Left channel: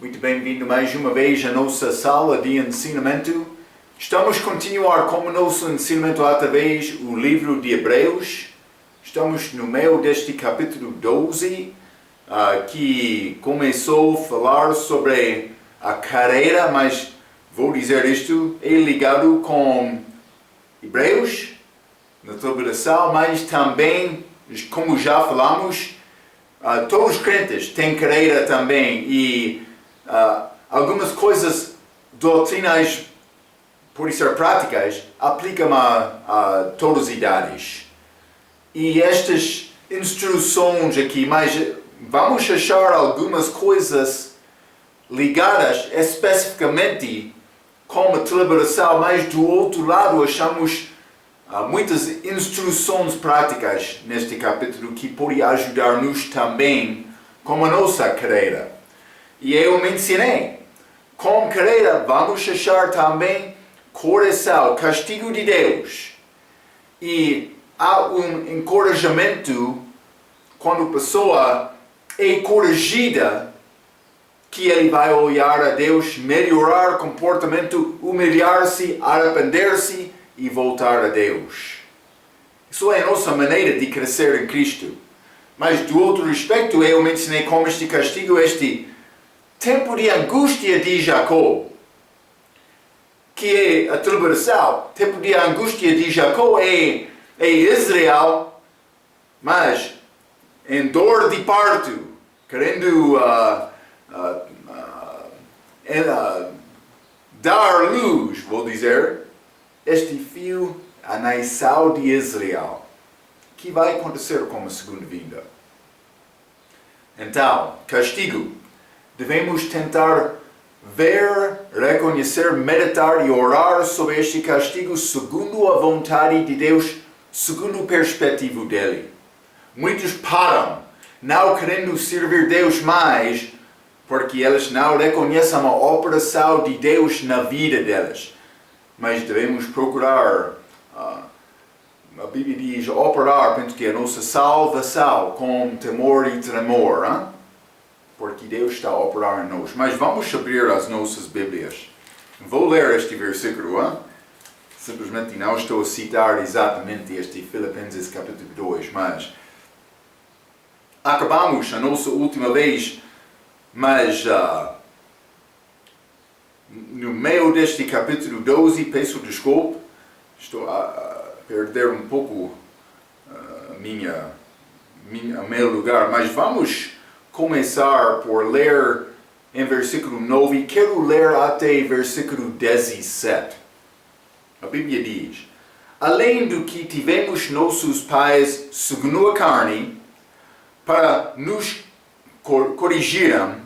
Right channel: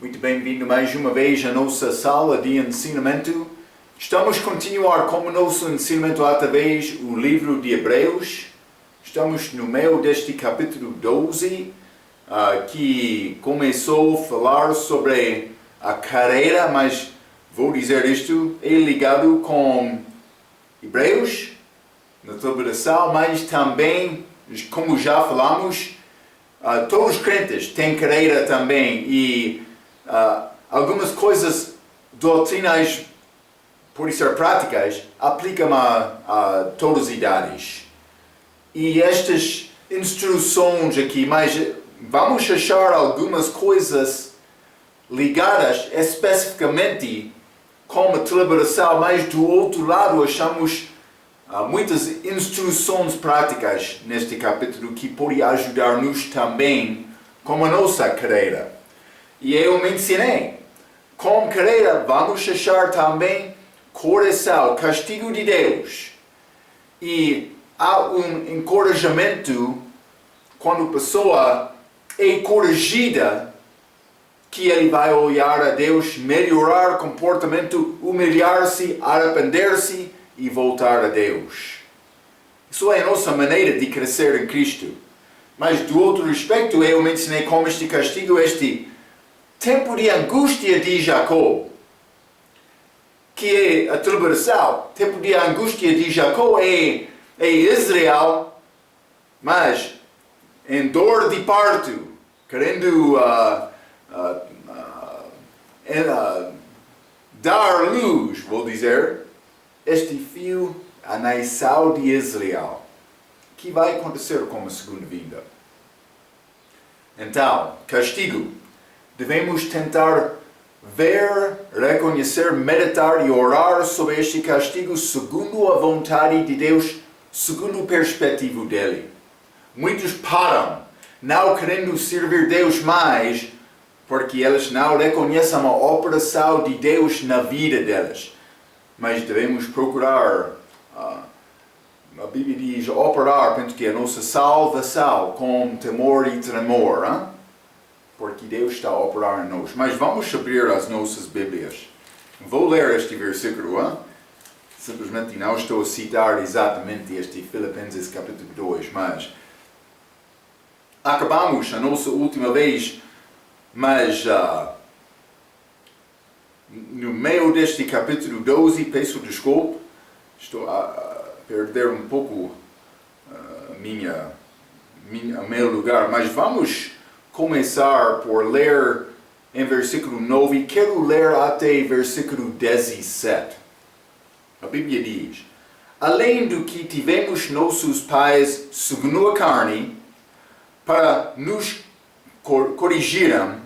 Muito bem-vindo mais uma vez à nossa sala de ensinamento. Estamos a continuar com o nosso ensinamento através do livro de Hebreus. Estamos no meio deste capítulo 12, que começou a falar sobre a carreira, mas vou dizer isto, é ligado com Hebreus, na celebração, mas também, como já falamos, todos os crentes têm carreira também e algumas coisas doutrinas, por ser práticas, aplicam a todas as idades. E estas instruções aqui, mas vamos achar algumas coisas ligadas especificamente com a celebração, mas do outro lado achamos muitas instruções práticas neste capítulo que podem ajudar-nos também com a nossa carreira. E eu mencionei, com carreira vamos achar também correção, castigo de Deus. E há um encorajamento quando a pessoa é corrigida, que ele vai olhar a Deus, melhorar o comportamento, humilhar-se, arrepender-se e voltar a Deus. Isso é a nossa maneira de crescer em Cristo. Mas do outro aspecto, eu mencionei como este castigo, este tempo de angústia de Jacó, que é a tribulação. Tempo de angústia de Jacó é Israel, mas em dor de parto, querendo dar luz, vou dizer, este fio, a nação de Israel, que vai acontecer com a segunda vinda. Então, castigo. Devemos tentar ver, reconhecer, meditar e orar sobre este castigo segundo a vontade de Deus, segundo a perspectiva dele. Muitos param, não querendo servir Deus mais, porque eles não reconhecem a operação de Deus na vida deles. Mas devemos procurar, a Bíblia diz, operar, penso que a nossa salvação com temor e tremor, hein? Porque Deus está a operar em nós. Mas vamos abrir as nossas Bíblias. Vou ler este versículo, hein? Simplesmente não estou a citar exatamente este Filipenses capítulo 2, mas acabamos a nossa última vez, mas no meio deste capítulo 12, peço desculpa, estou a perder um pouco o meu lugar, mas vamos começar por ler em versículo 9, quero ler até versículo 17. A Bíblia diz: além do que tivemos nossos pais segundo a carne, para nos corrigirem,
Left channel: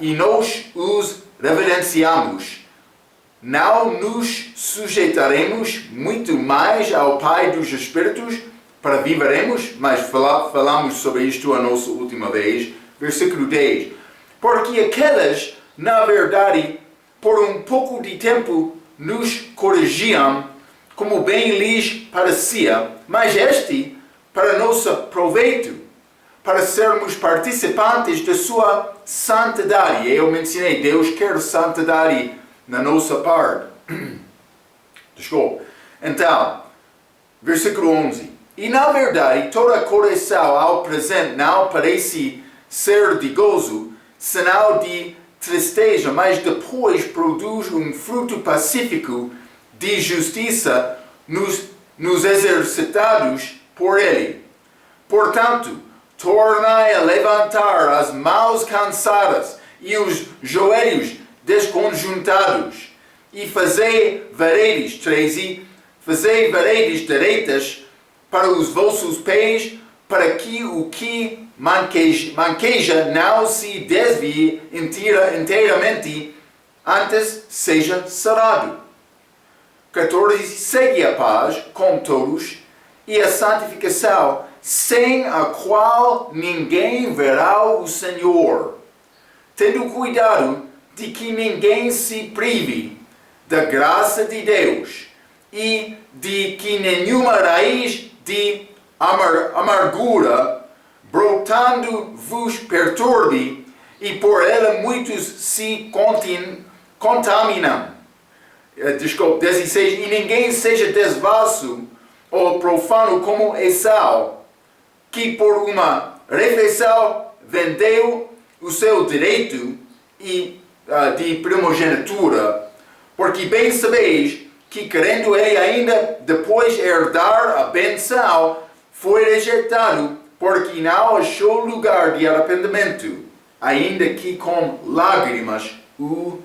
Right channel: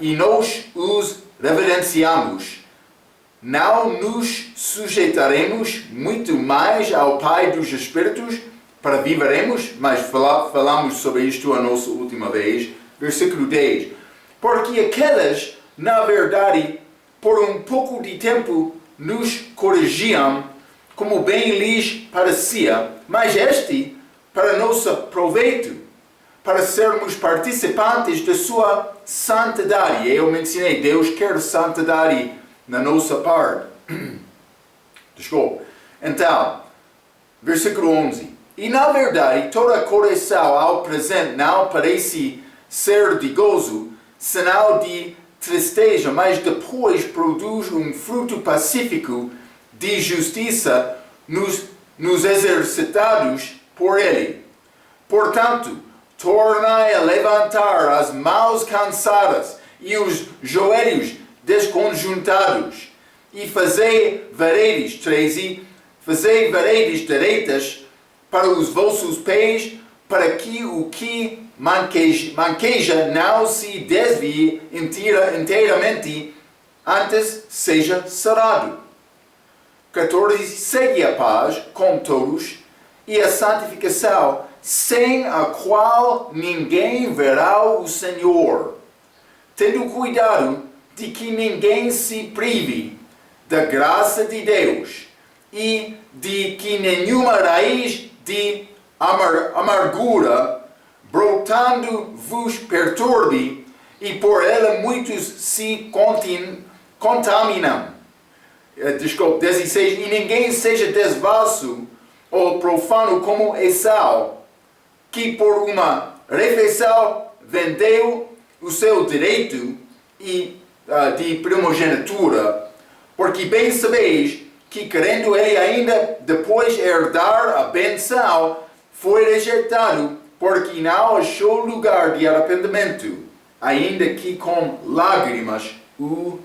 e nós os reverenciamos, não nos sujeitaremos muito mais ao Pai dos Espíritos para viveremos, mas falamos sobre isto a nossa última vez. Versículo 10. Porque aqueles, na verdade, por um pouco de tempo, nos corrigiam, como bem lhes parecia, mas este, para nosso proveito, para sermos participantes da sua santidade. Eu mencionei, Deus quer santidade na nossa parte. Desculpa. Então, versículo 11. E na verdade, toda correção ao presente não parece ser de gozo, senão de tristeza, mas depois produz um fruto pacífico de justiça nos exercitados por ele. Portanto, tornai a levantar as mãos cansadas e os joelhos desconjuntados, e fazei varedes, 13, fazei varedes direitas para os vossos pés, para que o que manqueja não se desvie inteiramente, antes seja sarado. 14. Segue a paz com todos e a santificação, sem a qual ninguém verá o Senhor, tendo cuidado de que ninguém se prive da graça de Deus e de que nenhuma raiz de amargura brotando vos perturbe e por ela muitos se contaminam. 16. E ninguém seja desvasso ou profano como Esau, que por uma refeição vendeu o seu direito de primogenitura, porque bem sabeis que querendo ele ainda depois herdar a benção, foi rejeitado, porque não achou lugar de arrependimento, ainda que com lágrimas o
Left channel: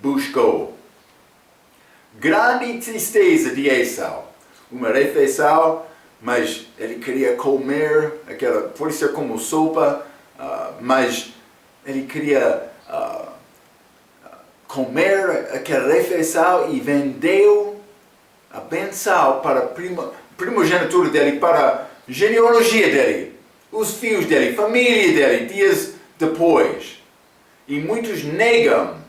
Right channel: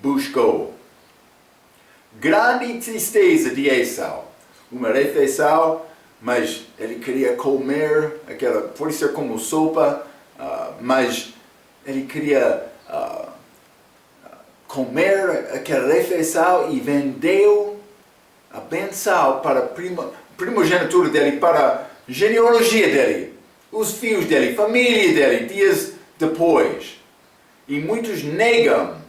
buscou. Grande tristeza de Esau. Uma refeição, mas ele queria comer, pode ser como sopa, mas ele queria comer aquela refeição e vendeu a benção para a primogenitura dele, para a genealogia dele, os filhos dele, família dele, dias depois. E muitos negam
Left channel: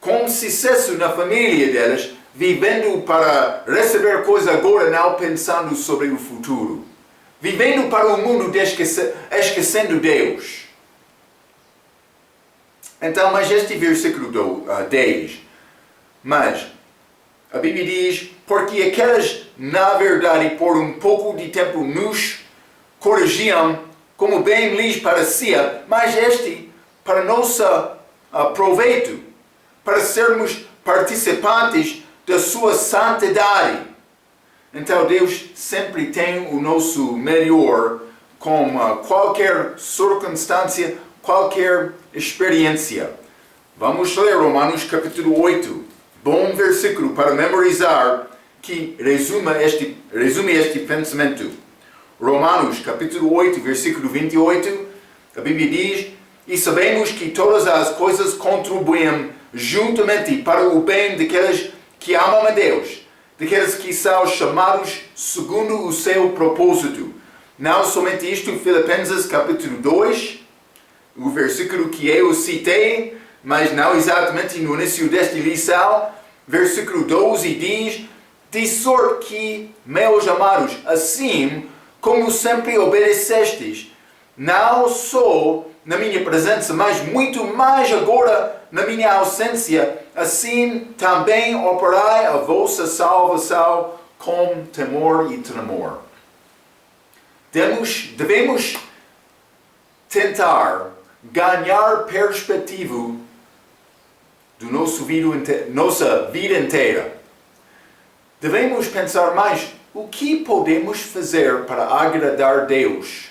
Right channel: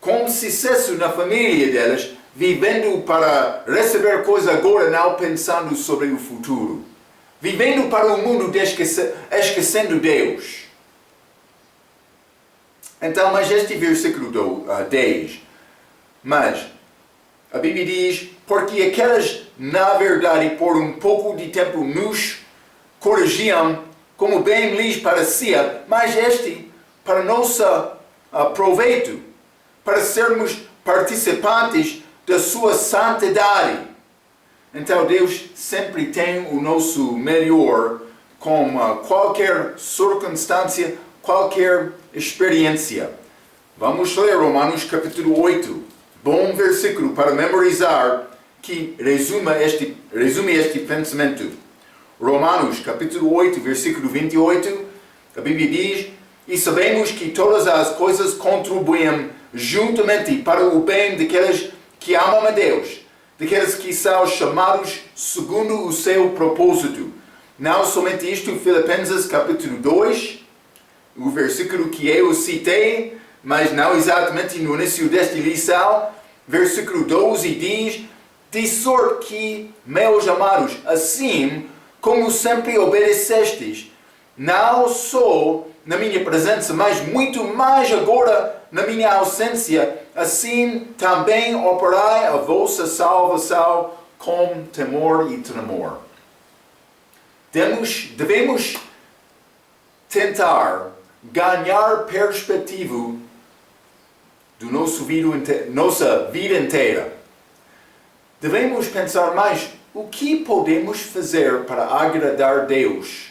com sucesso na família deles, vivendo para receber coisas agora, não pensando sobre o futuro. Vivendo para o mundo, esquecendo Deus. Então, mas este versículo 10, mas a Bíblia diz, porque aquelas, na verdade, por um pouco de tempo nos corrigiam, como bem lhes parecia, mas este, para nosso proveito, para sermos participantes da sua santidade. Então Deus sempre tem o nosso melhor com qualquer circunstância, qualquer experiência. Vamos ler Romanos capítulo 8. Bom versículo para memorizar que resume este pensamento. Romanos capítulo 8, versículo 28. A Bíblia diz, e sabemos que todas as coisas contribuem juntamente para o bem daqueles que amam a Deus, daqueles que são chamados segundo o seu propósito. Não somente isto, Filipenses capítulo 2, o versículo que eu citei, mas não exatamente no início desta lição, versículo 12 diz, de sorte que, meus amados, assim como sempre obedecestes, não só na minha presença, mas muito mais agora na minha ausência, assim também operai a vossa salvação com temor e tremor. Devemos tentar ganhar perspectiva do nossa vida inteira. Devemos pensar mais, o que podemos fazer para agradar Deus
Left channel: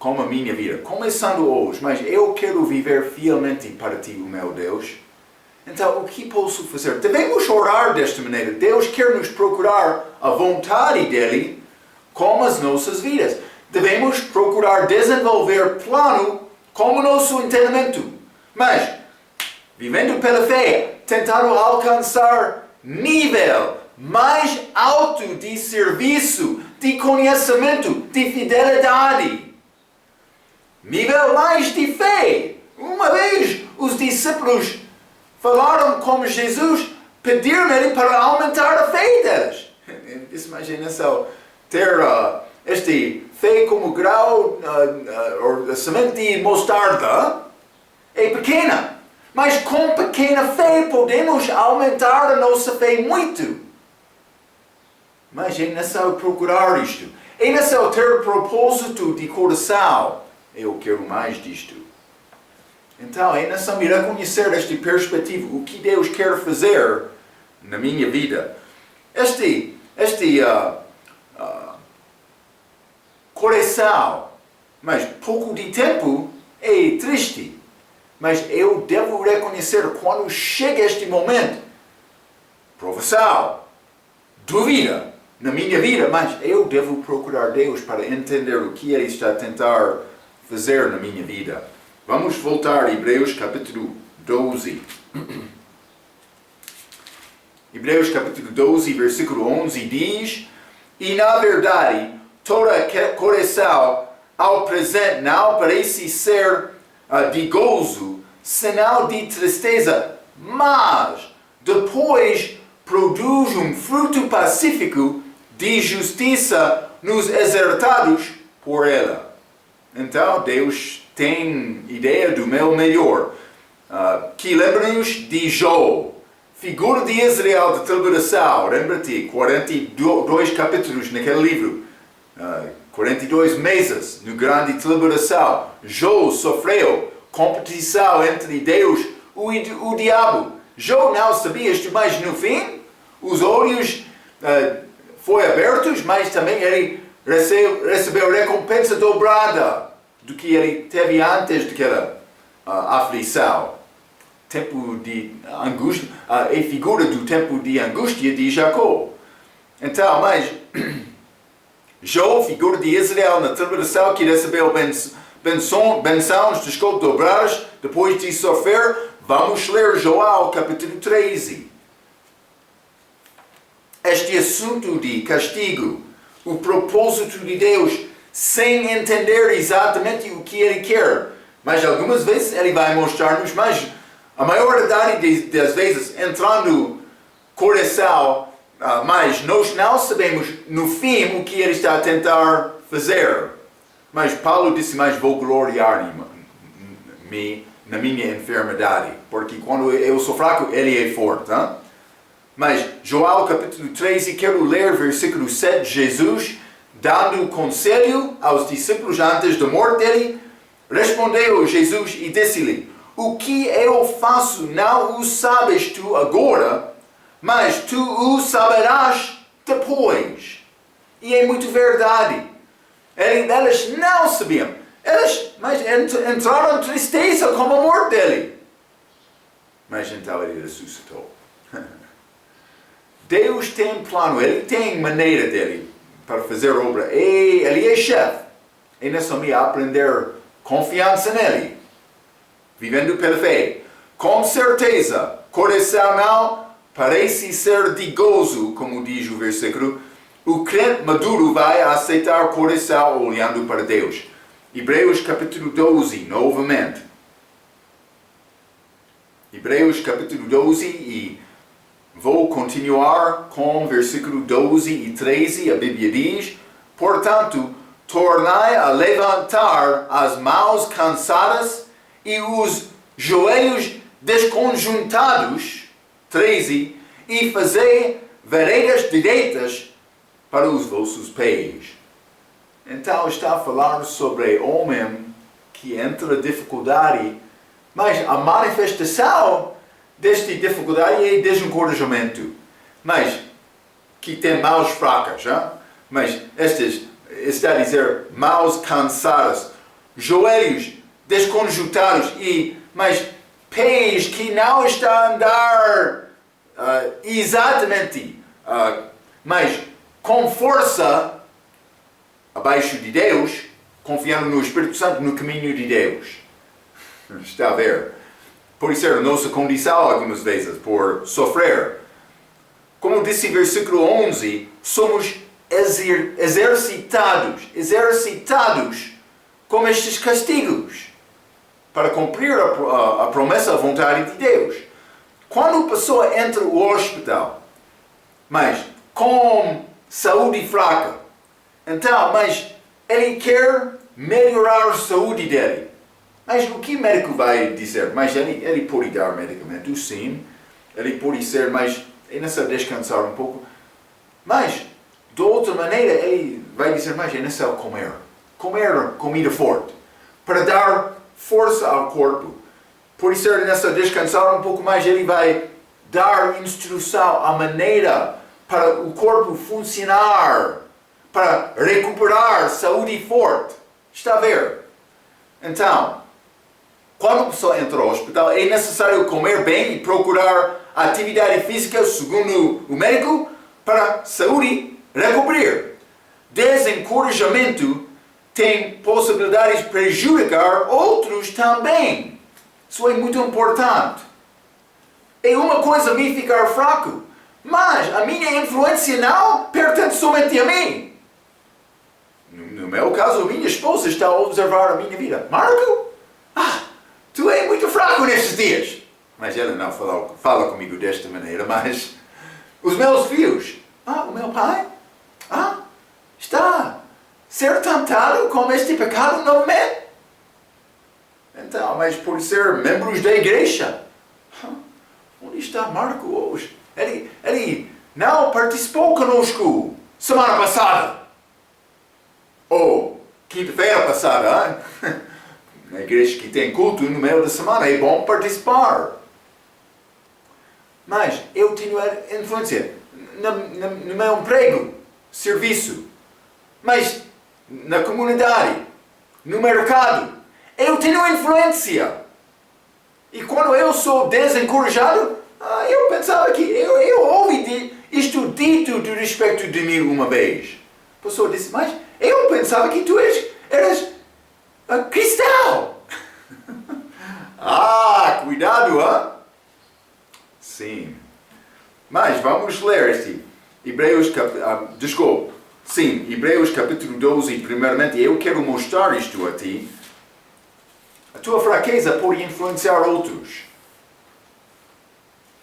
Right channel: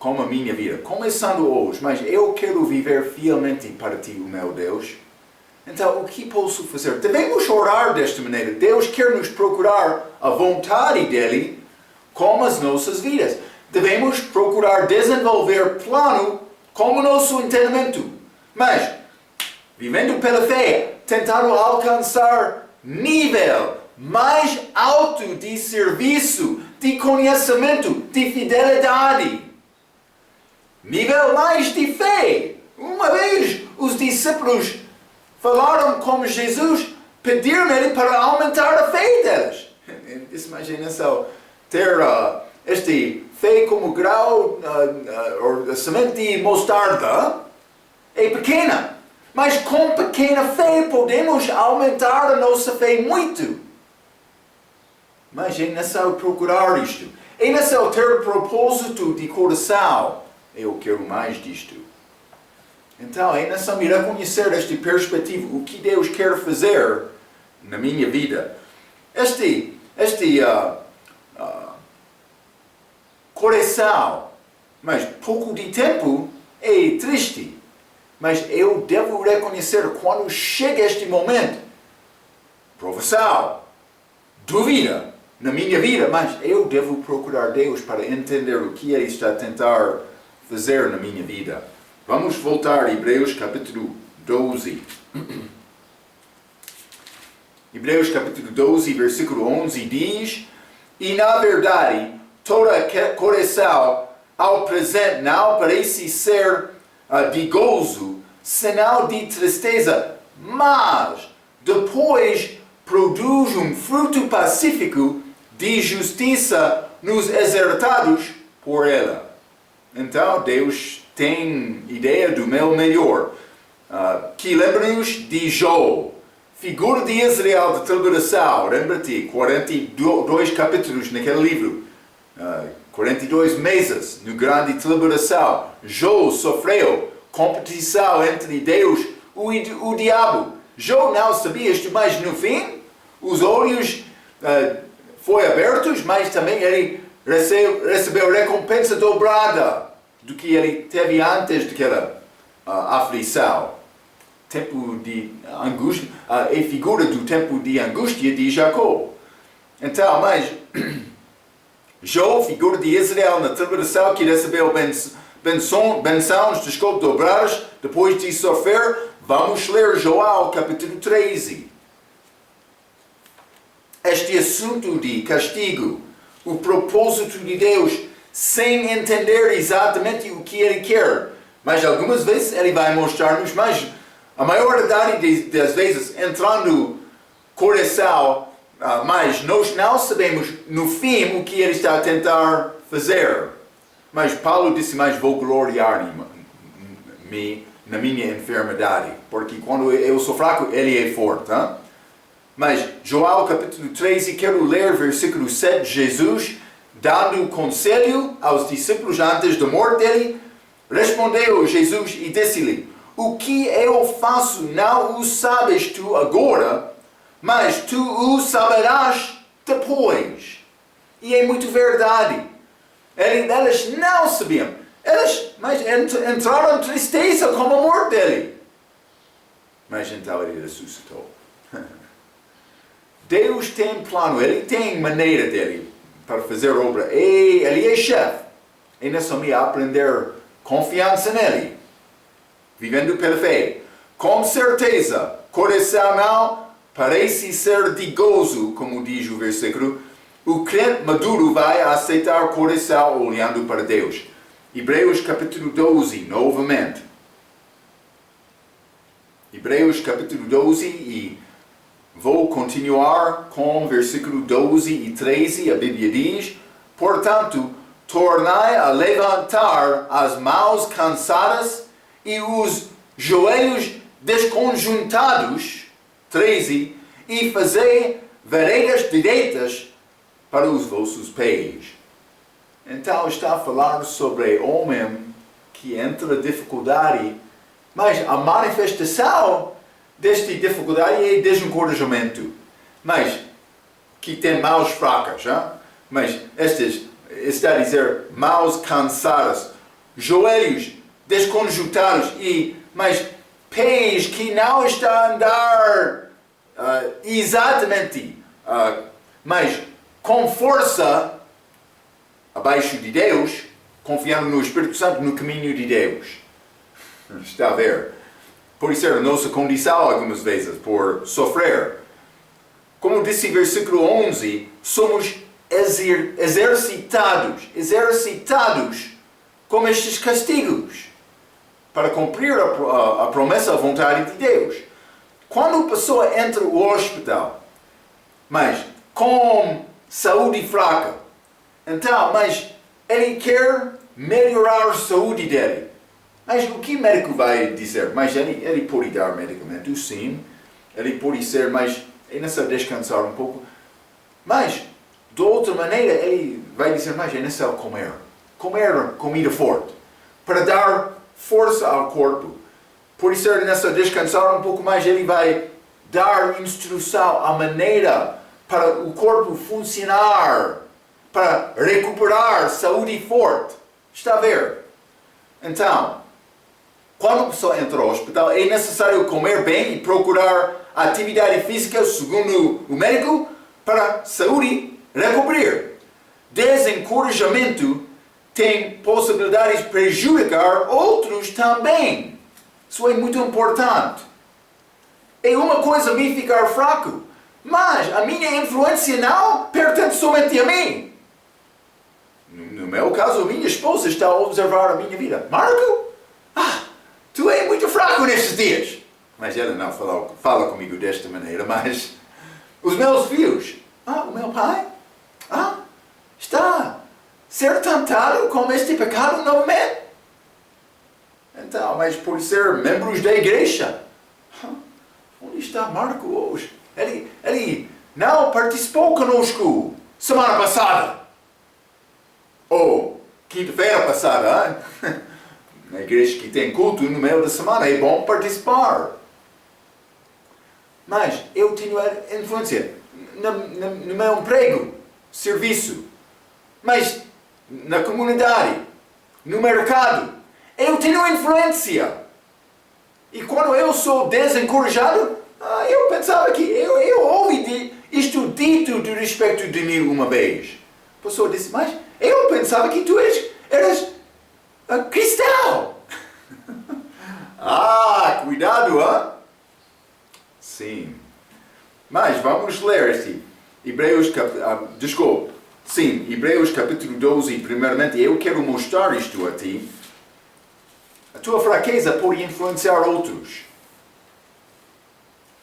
com a minha vida? Começando hoje, mas eu quero viver fielmente para Ti, o meu Deus. Então, o que posso fazer? Devemos orar desta maneira. Deus quer nos procurar a vontade dEle com as nossas vidas. Devemos procurar desenvolver plano com o nosso entendimento. Mas, vivendo pela fé, tentando alcançar nível mais alto de serviço, de conhecimento, de fidelidade. Nível mais de fé. Uma vez os discípulos falaram com Jesus, pediram ele para aumentar a fé deles. Imagina só, ter este fé como grau, ou semente de mostarda, é pequena. Mas com pequena fé podemos aumentar a nossa fé muito. Mas é necessário procurar isto. É necessário ter propósito de coração. Eu quero mais disto. Então é necessário reconhecer esta perspectiva. O que Deus quer fazer na minha vida. Este coração, mas pouco de tempo, é triste. Mas eu devo reconhecer quando chega este momento, provação, dúvida na minha vida, mas eu devo procurar Deus para entender o que Ele está a tentar fazer na minha vida. Vamos voltar a Hebreus capítulo 12. Hebreus capítulo 12, versículo 11 diz, e na verdade, toda correção ao presente não parece ser de gozo, senão de tristeza, mas depois produz um fruto pacífico de justiça nos exertados por ela. Então Deus têm ideia do meu melhor, que lembra-nos de Jó, figura de Israel de tribulação. Lembra-te, 42 capítulos naquele livro, 42 meses no grande tribulação. Jó sofreu competição entre Deus e o diabo. Jó não sabia isto, mas no fim, os olhos foram abertos, mas também ele recebeu recompensa dobrada do que ele teve antes daquela aflição. Tempo de angústia, é figura do tempo de angústia de Jacó. Então, mas Jó, figura de Israel na tribulação, que recebeu bênçãos, desculpa, dobradas depois de sofrer. Vamos ler Joel capítulo 13. Este assunto de castigo, o propósito de Deus, sem entender exatamente o que Ele quer. Mas algumas vezes Ele vai mostrar-nos, mas a maioridade das vezes entrando no coração, mas nós não sabemos no fim o que Ele está a tentar fazer. Mas Paulo disse, mas vou gloriar-me na minha enfermidade, porque quando eu sou fraco, Ele é forte. Hein? Mas Joel capítulo 13, quero ler versículo 7, Jesus dando conselho aos discípulos antes da morte dele, respondeu Jesus e disse-lhe, o que eu faço não o sabes tu agora, mas tu o saberás depois. E é muito verdade. Elas não sabiam. Mas entraram em tristeza com a morte dele. Mas então ele ressuscitou. Deus tem plano, Ele tem maneira dele para fazer obra. E Ele é chefe. E não é só me aprender confiança nele. Vivendo pela fé. Com certeza, coração não parece ser de gozo, como diz o versículo. O crente maduro vai aceitar o coração olhando para Deus. Hebreus capítulo 12, novamente. Hebreus capítulo 12 e vou continuar com versículo 12 e 13. A Bíblia diz, portanto, tornai a levantar as mãos cansadas e os joelhos desconjuntados, 13, e fazei veredas direitas para os vossos pés. Então está a falar sobre homem que entra em dificuldade, mas a manifestação desta dificuldade é desencorajamento, mas que tem mãos fracas, hein? Mas estas está a dizer mãos cansadas, joelhos desconjuntados mas pés que não estão a andar exatamente, mas com força abaixo de Deus, confiando no Espírito Santo, no caminho de Deus. Está a ver? Por isso a nossa condição algumas vezes, por sofrer. Como disse o versículo 11, somos exercitados com estes castigos para cumprir a promessa, a vontade de Deus. Quando a pessoa entra no hospital, mas com saúde fraca, então, mas ele quer melhorar a saúde dele. Mas o que o médico vai dizer? Mas ele pode dar medicamento, sim. Ele pode ser, mas é necessário descansar um pouco. Mas, de outra maneira, ele vai dizer, mas é necessário comer. Comer comida forte. Para dar força ao corpo. Por isso é necessário descansar um pouco mais. Ele vai dar instrução, a maneira para o corpo funcionar. Para recuperar saúde forte. Está a ver? Então, quando a pessoa entra no hospital, é necessário comer bem e procurar atividade física, segundo o médico, para saúde recuperar. Desencorajamento tem possibilidades de prejudicar outros também. Isso é muito importante. É uma coisa a mim ficar fraco, mas a minha influência não pertence somente a mim. No meu caso, a minha esposa está a observar a minha vida. Marco, tu és muito fraco nestes dias. Mas ela não fala comigo desta maneira, mas os meus filhos, o meu pai, está a ser tentado com este pecado novamente. Então, mas por ser membros da igreja, onde está Marco hoje? Ele não participou conosco semana passada. Ou quinta-feira passada. Na igreja que tem culto no meio da semana, é bom participar. Mas eu tenho influência no meu emprego, serviço, mas na comunidade, no mercado, eu tenho influência. E quando eu sou desencorajado, eu pensava que eu ouvi isto dito de respeito de mim uma vez. A pessoa disse, mas eu pensava que tu eras cristão. Cuidado, hein? Sim. Mas vamos ler este Hebreus capítulo 12. Primeiramente, eu quero mostrar isto a ti. A tua fraqueza pode influenciar outros.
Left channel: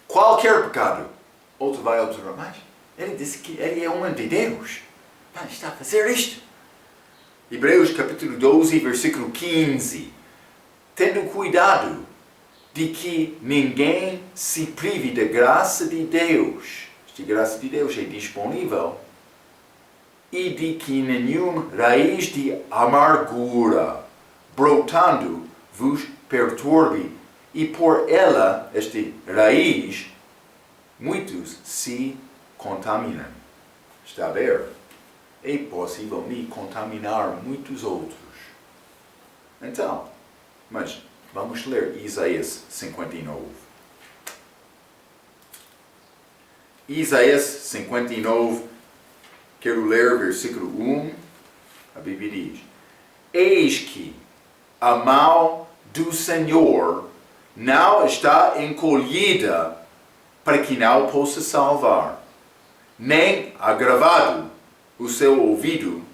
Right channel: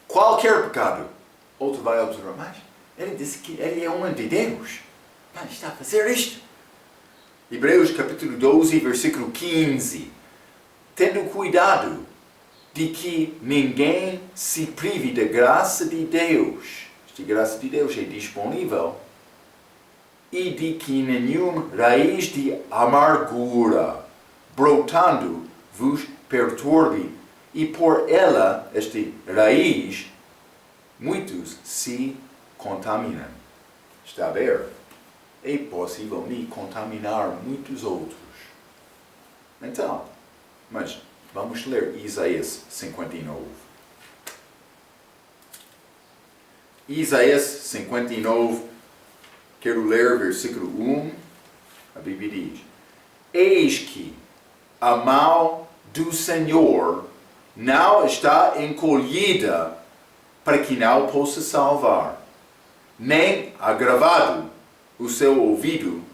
Qualquer pecado. Outro vai observar, mas ele disse que ele é homem de Deus. Mas está a fazer isto. Hebreus capítulo 12, versículo 15. Tendo cuidado de que ninguém se prive da graça de Deus. Esta graça de Deus é disponível. E de que nenhuma raiz de amargura brotando vos perturbe. E por ela, esta raiz, muitos se contaminam. Está a ver? É possível me contaminar muitos outros. Então, mas vamos ler Isaías 59. Isaías 59, quero ler versículo 1. A Bíblia diz: Eis que a mão do Senhor não está encolhida para que não possa salvar, nem agravado o seu ouvido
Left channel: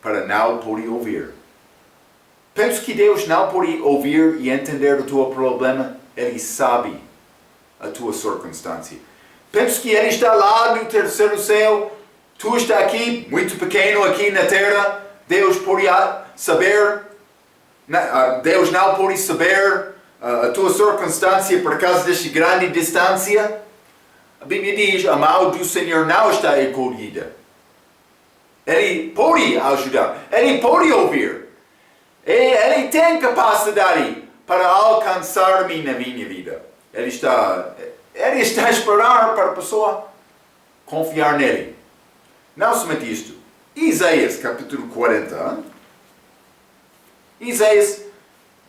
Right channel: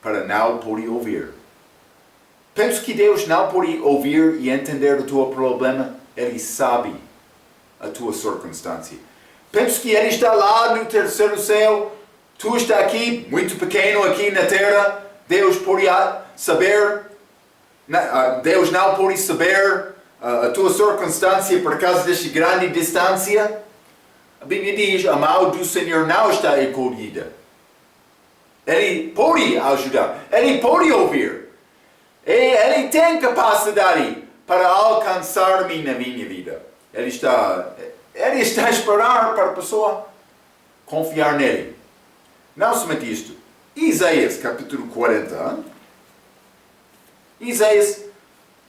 para não poder ouvir. Penso que Deus não pode ouvir e entender o teu problema. Ele sabe a tua circunstância. Penso que Ele está lá no terceiro céu. Tu está aqui, muito pequeno aqui na terra. Deus pode saber. Deus não pode saber a tua circunstância por causa desta grande distância. A Bíblia diz, a mão do Senhor não está encolhida. Ele pode ajudar. Ele pode ouvir. Ele tem capacidade para alcançar-me na minha vida. Ele está a esperar para a pessoa confiar nele. Não somente isto. Isaías capítulo 40. Isaías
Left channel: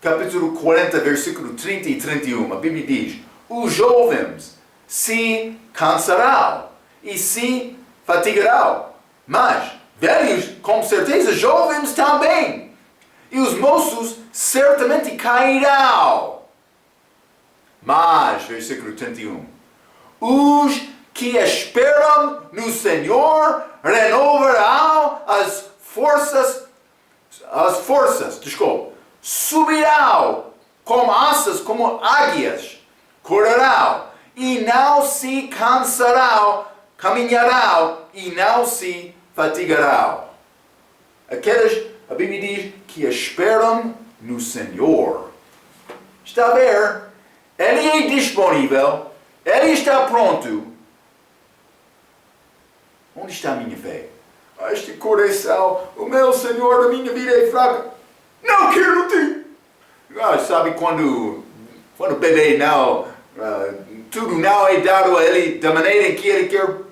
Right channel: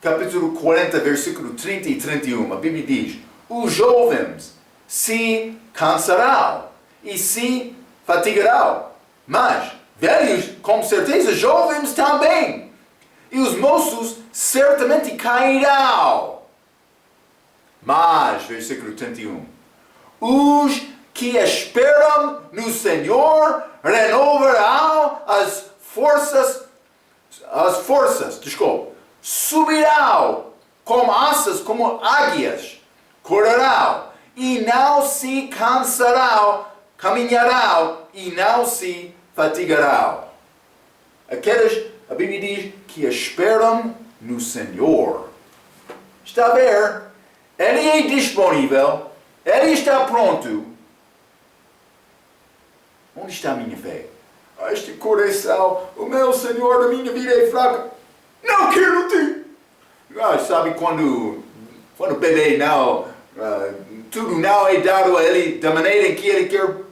capítulo 40, versículo 30 e 31. A Bíblia diz: os jovens se cansarão e se fatigarão, mas velhos, com certeza, jovens também. E os moços certamente cairão. Mas, versículo 31, os que esperam no Senhor renovarão as forças, subirão como asas, como águias, correrão e não se cansarão, caminharão e não se fatigarão. Aqueles, a Bíblia diz, que esperam no Senhor. Está a ver? Ele é disponível. Ele está pronto. Onde está a minha fé? Este coração, o meu Senhor, a minha vida é fraca. Não quero te. Sabe quando o bebê não, tudo não é dado a ele da maneira em que ele quer.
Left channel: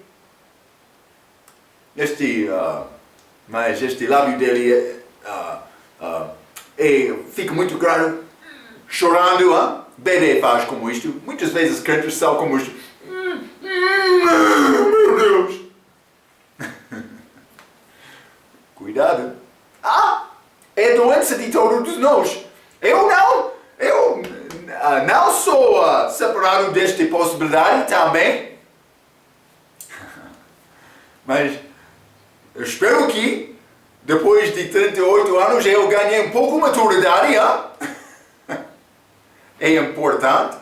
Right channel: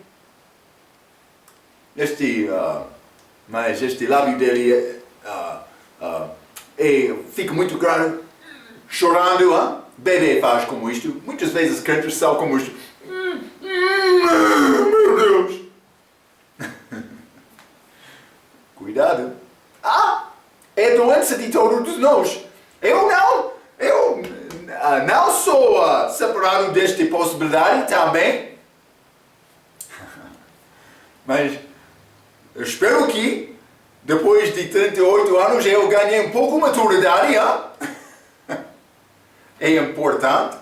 Mas este lábio dele fica muito grande, chorando. Bebê faz como isto. Muitas vezes crentes são como isto. Meu Deus! Cuidado. É doença de todos nós. Eu não sou separado desta possibilidade também. Mas eu espero que depois de 38 anos eu ganhei um pouco de maturidade. É importante.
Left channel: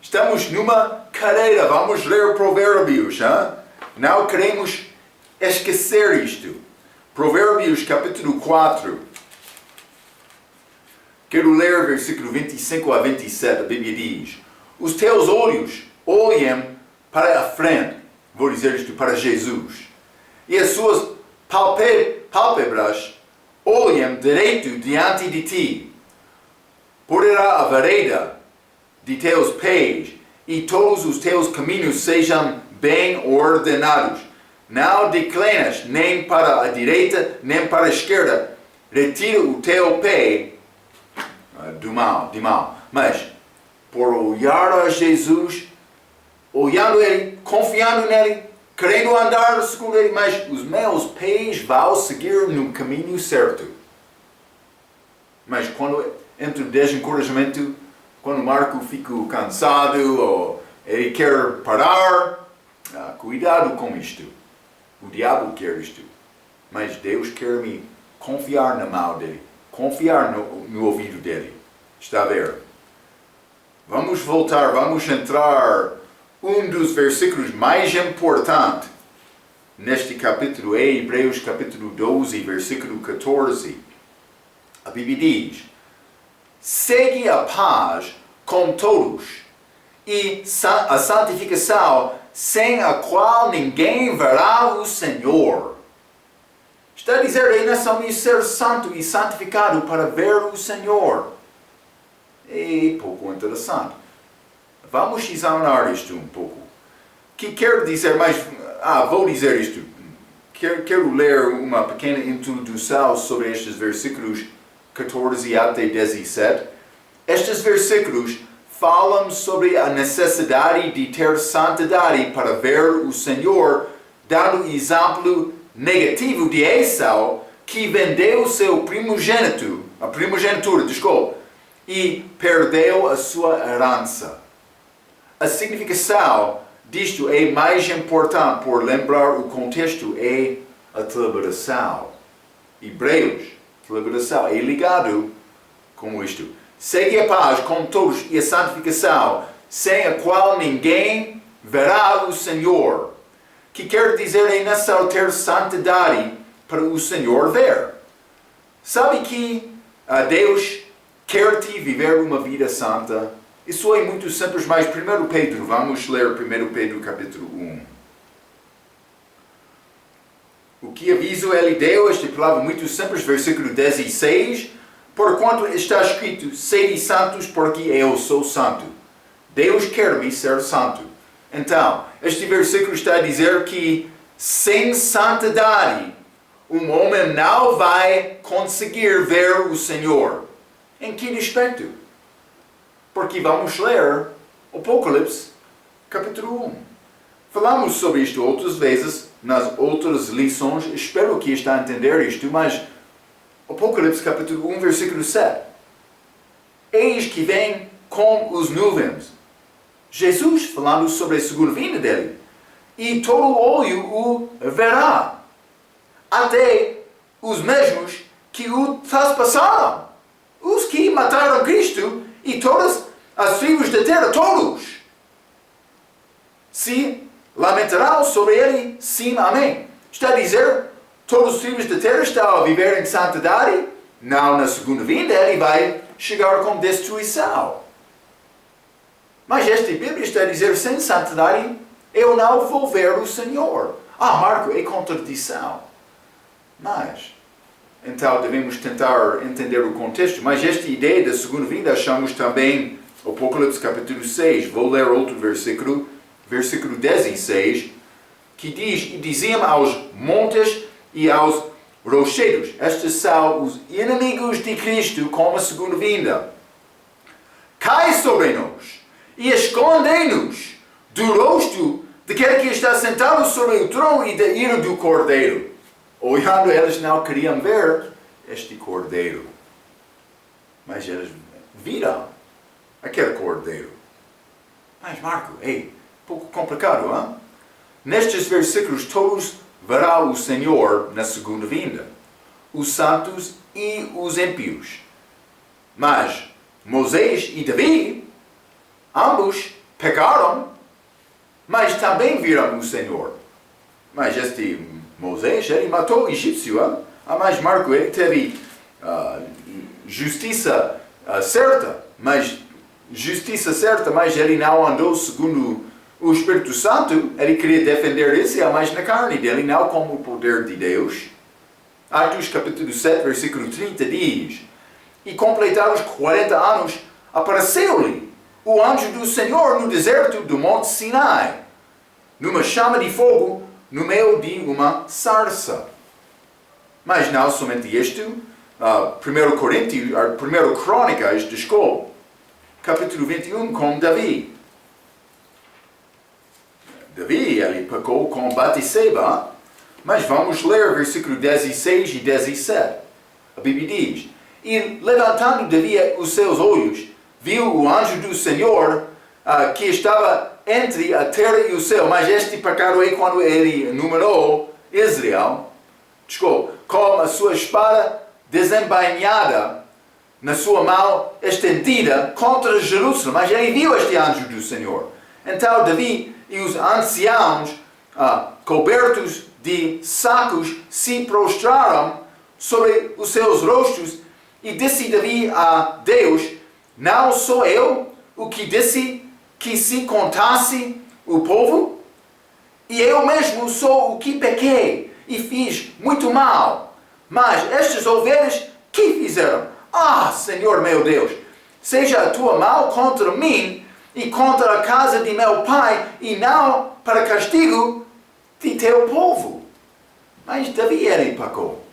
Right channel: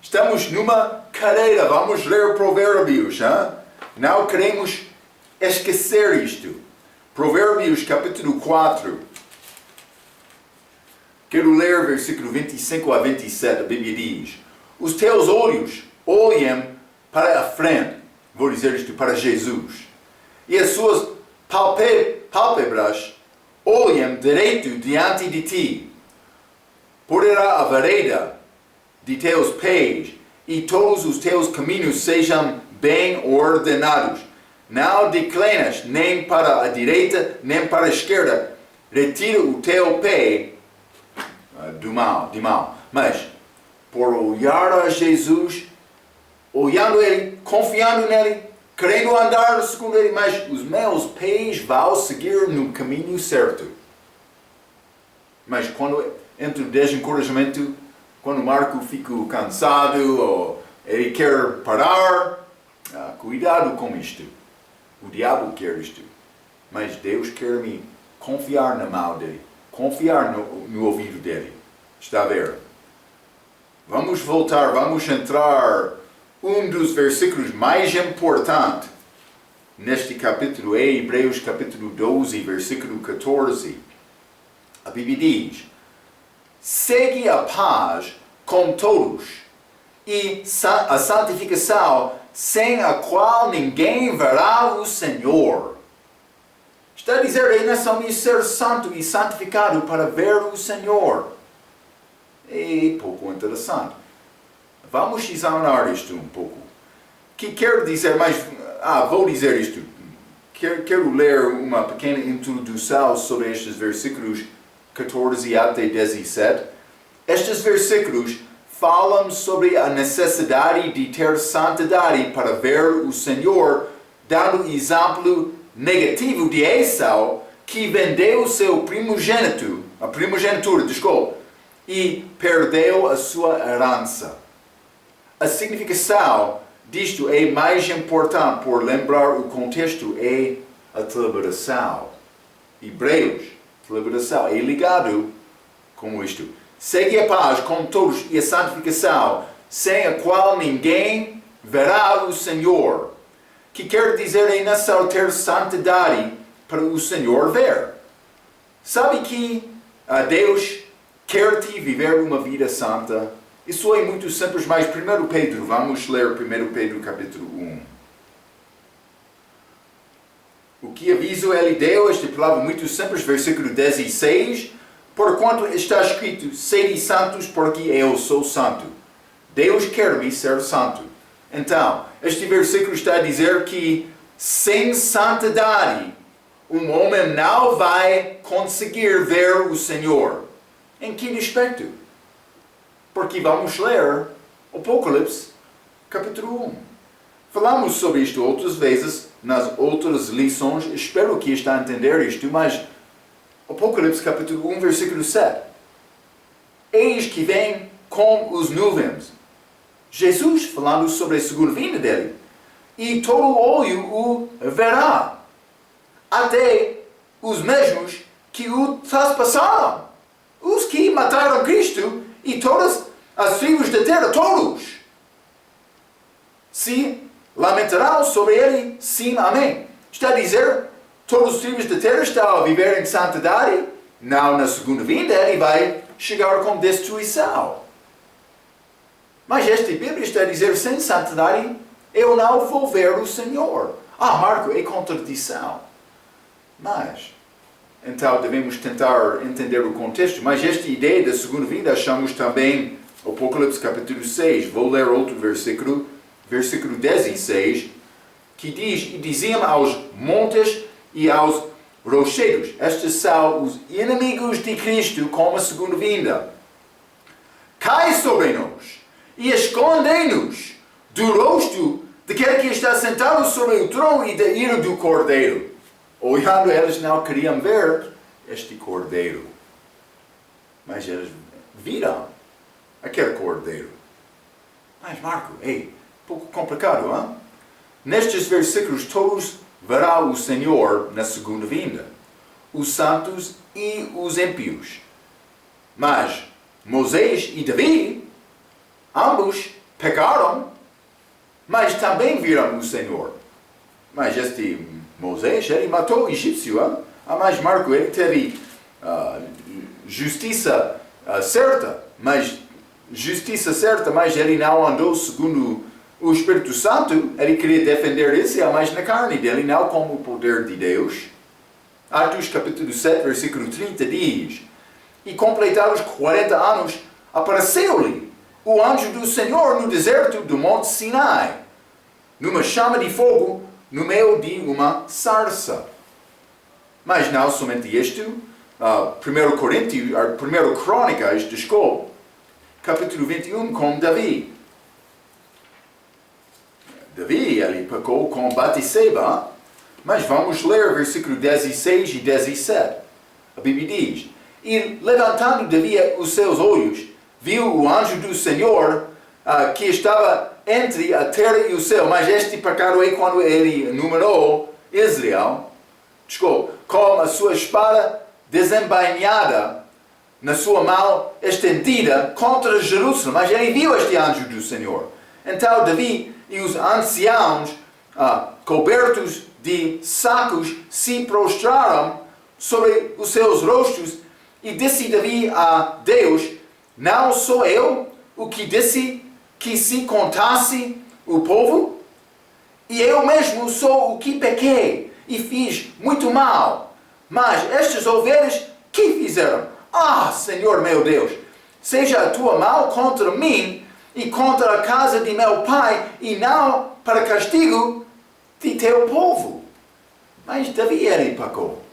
Estamos numa carreira. Vamos ler Provérbios. Não queremos esquecer isto. Provérbios capítulo 4. Quero ler versículo 25 a 27, a Bíblia diz: os teus olhos olhem para a frente, vou dizer isto, para Jesus, e as suas pálpebras olhem direito diante de ti. Poderá a vereda de teus pés e todos os teus caminhos sejam bem ordenados. Não declinas nem para a direita, nem para a esquerda. Retira o teu pé do mal. Mas, por olhar a Jesus, olhando Ele, confiando nele, querendo andar segundo Ele, mas os meus pés vão seguir no caminho certo. Mas quando entra o desencorajamento, quando Marco fica cansado ou ele quer parar, cuidado com isto. O diabo quer isto. Mas Deus quer me confiar na mão dele, confiar no ouvido dele. Está a ver? Vamos voltar, vamos entrar um dos versículos mais importantes neste capítulo é Hebreus capítulo 12, versículo 14. A Bíblia diz: segue a paz com todos e a santificação, sem a qual ninguém verá o Senhor. Está a dizer, é necessário ser santo e santificado para ver o Senhor. É pouco interessante. Vamos examinar isto um pouco. Que quer dizer, mas vou dizer isto. Quero ler uma pequena introdução sobre estes versículos 14 até 17. Estes versículos falam sobre a necessidade de ter santidade para ver o Senhor, dando exemplo negativo de Esau, que vendeu seu primogenitura, e perdeu a sua herança. A significação disto é mais importante por lembrar o contexto é a deliberação. Hebreus, deliberação é ligado com isto. Segue a paz com todos e a santificação, sem a qual ninguém verá o Senhor. Que quer dizer é necessário ter santidade para o Senhor ver. Sabe que Deus quer te viver uma vida santa? Isso é muito simples, mas 1 Pedro, vamos ler 1 Pedro capítulo 1. O que aviso ele deu, esta palavra muito simples, versículo 16, porquanto está escrito, sede santos porque eu sou santo. Deus quer-me ser santo. Então, este versículo está a dizer que sem santidade, um homem não vai conseguir ver o Senhor. Em que aspecto? Porque vamos ler Apocalipse, capítulo 1. Falamos sobre isto outras vezes, nas outras lições. Espero que está a entender isto, mas Apocalipse, capítulo 1, versículo 7. Eis que vem com os nuvens. Jesus falando sobre a segunda vinda dele. E todo olho o verá. Até os mesmos que o traspassaram. Os que mataram Cristo e todas as tribos da terra, todos. Se lamentarão sobre ele, sim, amém. Está a dizer, todas as tribos da terra estão a viver em santidade. Não, na segunda vinda ele vai chegar com destruição. Mas esta Bíblia está a dizer, sem santidade, eu não vou ver o Senhor. Marco, é contradição. Mas, então devemos tentar entender o contexto. Mas esta ideia da segunda vinda achamos também Apocalipse capítulo 6. Vou ler outro versículo, versículo 16, que diz, e diziam aos montes e aos rochedos, estes são os inimigos de Cristo com a segunda vinda. Cai sobre nós e escondei-nos do rosto daquele que está sentado sobre o trono e da ira do Cordeiro. Olhando, eles não queriam ver este Cordeiro. Mas eles viram aquele Cordeiro. Mas Marco, pouco complicado, hein? Nestes versículos todos verão o Senhor na segunda vinda. Os santos e os ímpios. Mas Moisés e Davi, ambos pecaram, mas também viram o Senhor. Mas este Moisés, ele matou o egípcio. Mas Marco, ele teve justiça certa, mas justiça certa, mas ele não andou segundo o Espírito Santo, ele queria defender Israel, mas na carne dele, não como o poder de Deus. Atos capítulo 7, versículo 30 diz: E completados 40 anos, apareceu-lhe o anjo do Senhor no deserto do Monte Sinai, numa chama de fogo, no meio de uma sarça. Mas não somente isto, 1 Crônicas, capítulo 21, com Davi. Davi, ele pecou com Batseba, mas vamos ler versículo 16 e 17. A Bíblia diz: E levantando Davi os seus olhos, viu o anjo do Senhor que estava entre a terra e o céu. Mas este pecado é quando ele numerou Israel, com a sua espada desembainhada na sua mão estendida contra Jerusalém. Mas ele viu este anjo do Senhor. Então Davi e os anciãos, cobertos de sacos, se prostraram sobre os seus rostos, e disse Davi a Deus: Não sou eu o que disse que se contasse o povo? E eu mesmo sou o que pequei e fiz muito mal. Mas estas ovelhas, que fizeram? Senhor meu Deus, seja a tua mão contra mim e contra a casa de meu pai, e não para castigo de teu povo. Mas Davi ele pecou.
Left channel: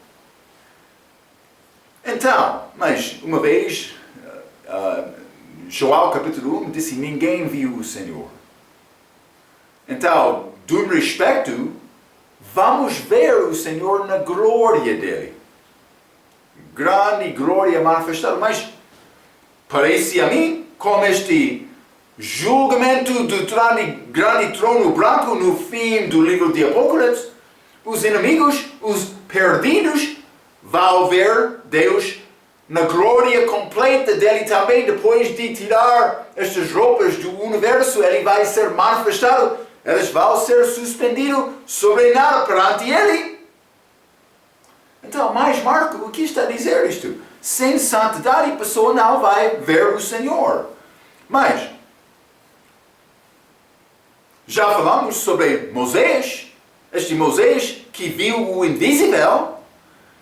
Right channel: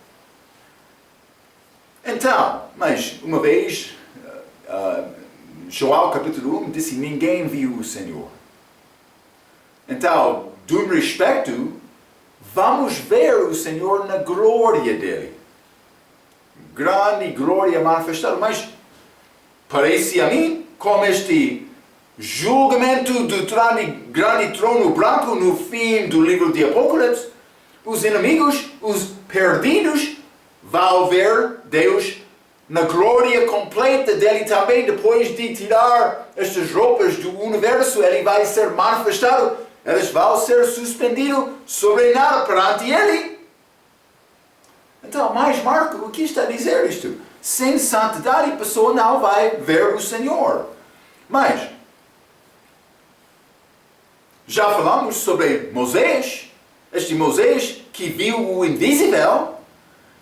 Então, mas uma vez, Joel capítulo 1 disse: Ninguém viu o Senhor. Então, de um respeito, vamos ver o Senhor na glória dele. Grande glória manifestada. Mas parece a mim como este julgamento do grande trono branco no fim do livro de Apocalipse, os inimigos, os perdidos, vão ver Deus na glória completa dele também. Depois de tirar estas roupas do universo, ele vai ser manifestado, eles vão ser suspendidos sobre nada perante ele. Então, mais Marco, o que está a dizer isto? Sem santidade, a pessoa não vai ver o Senhor. Mas já falamos sobre Moisés, este Moisés que viu o invisível,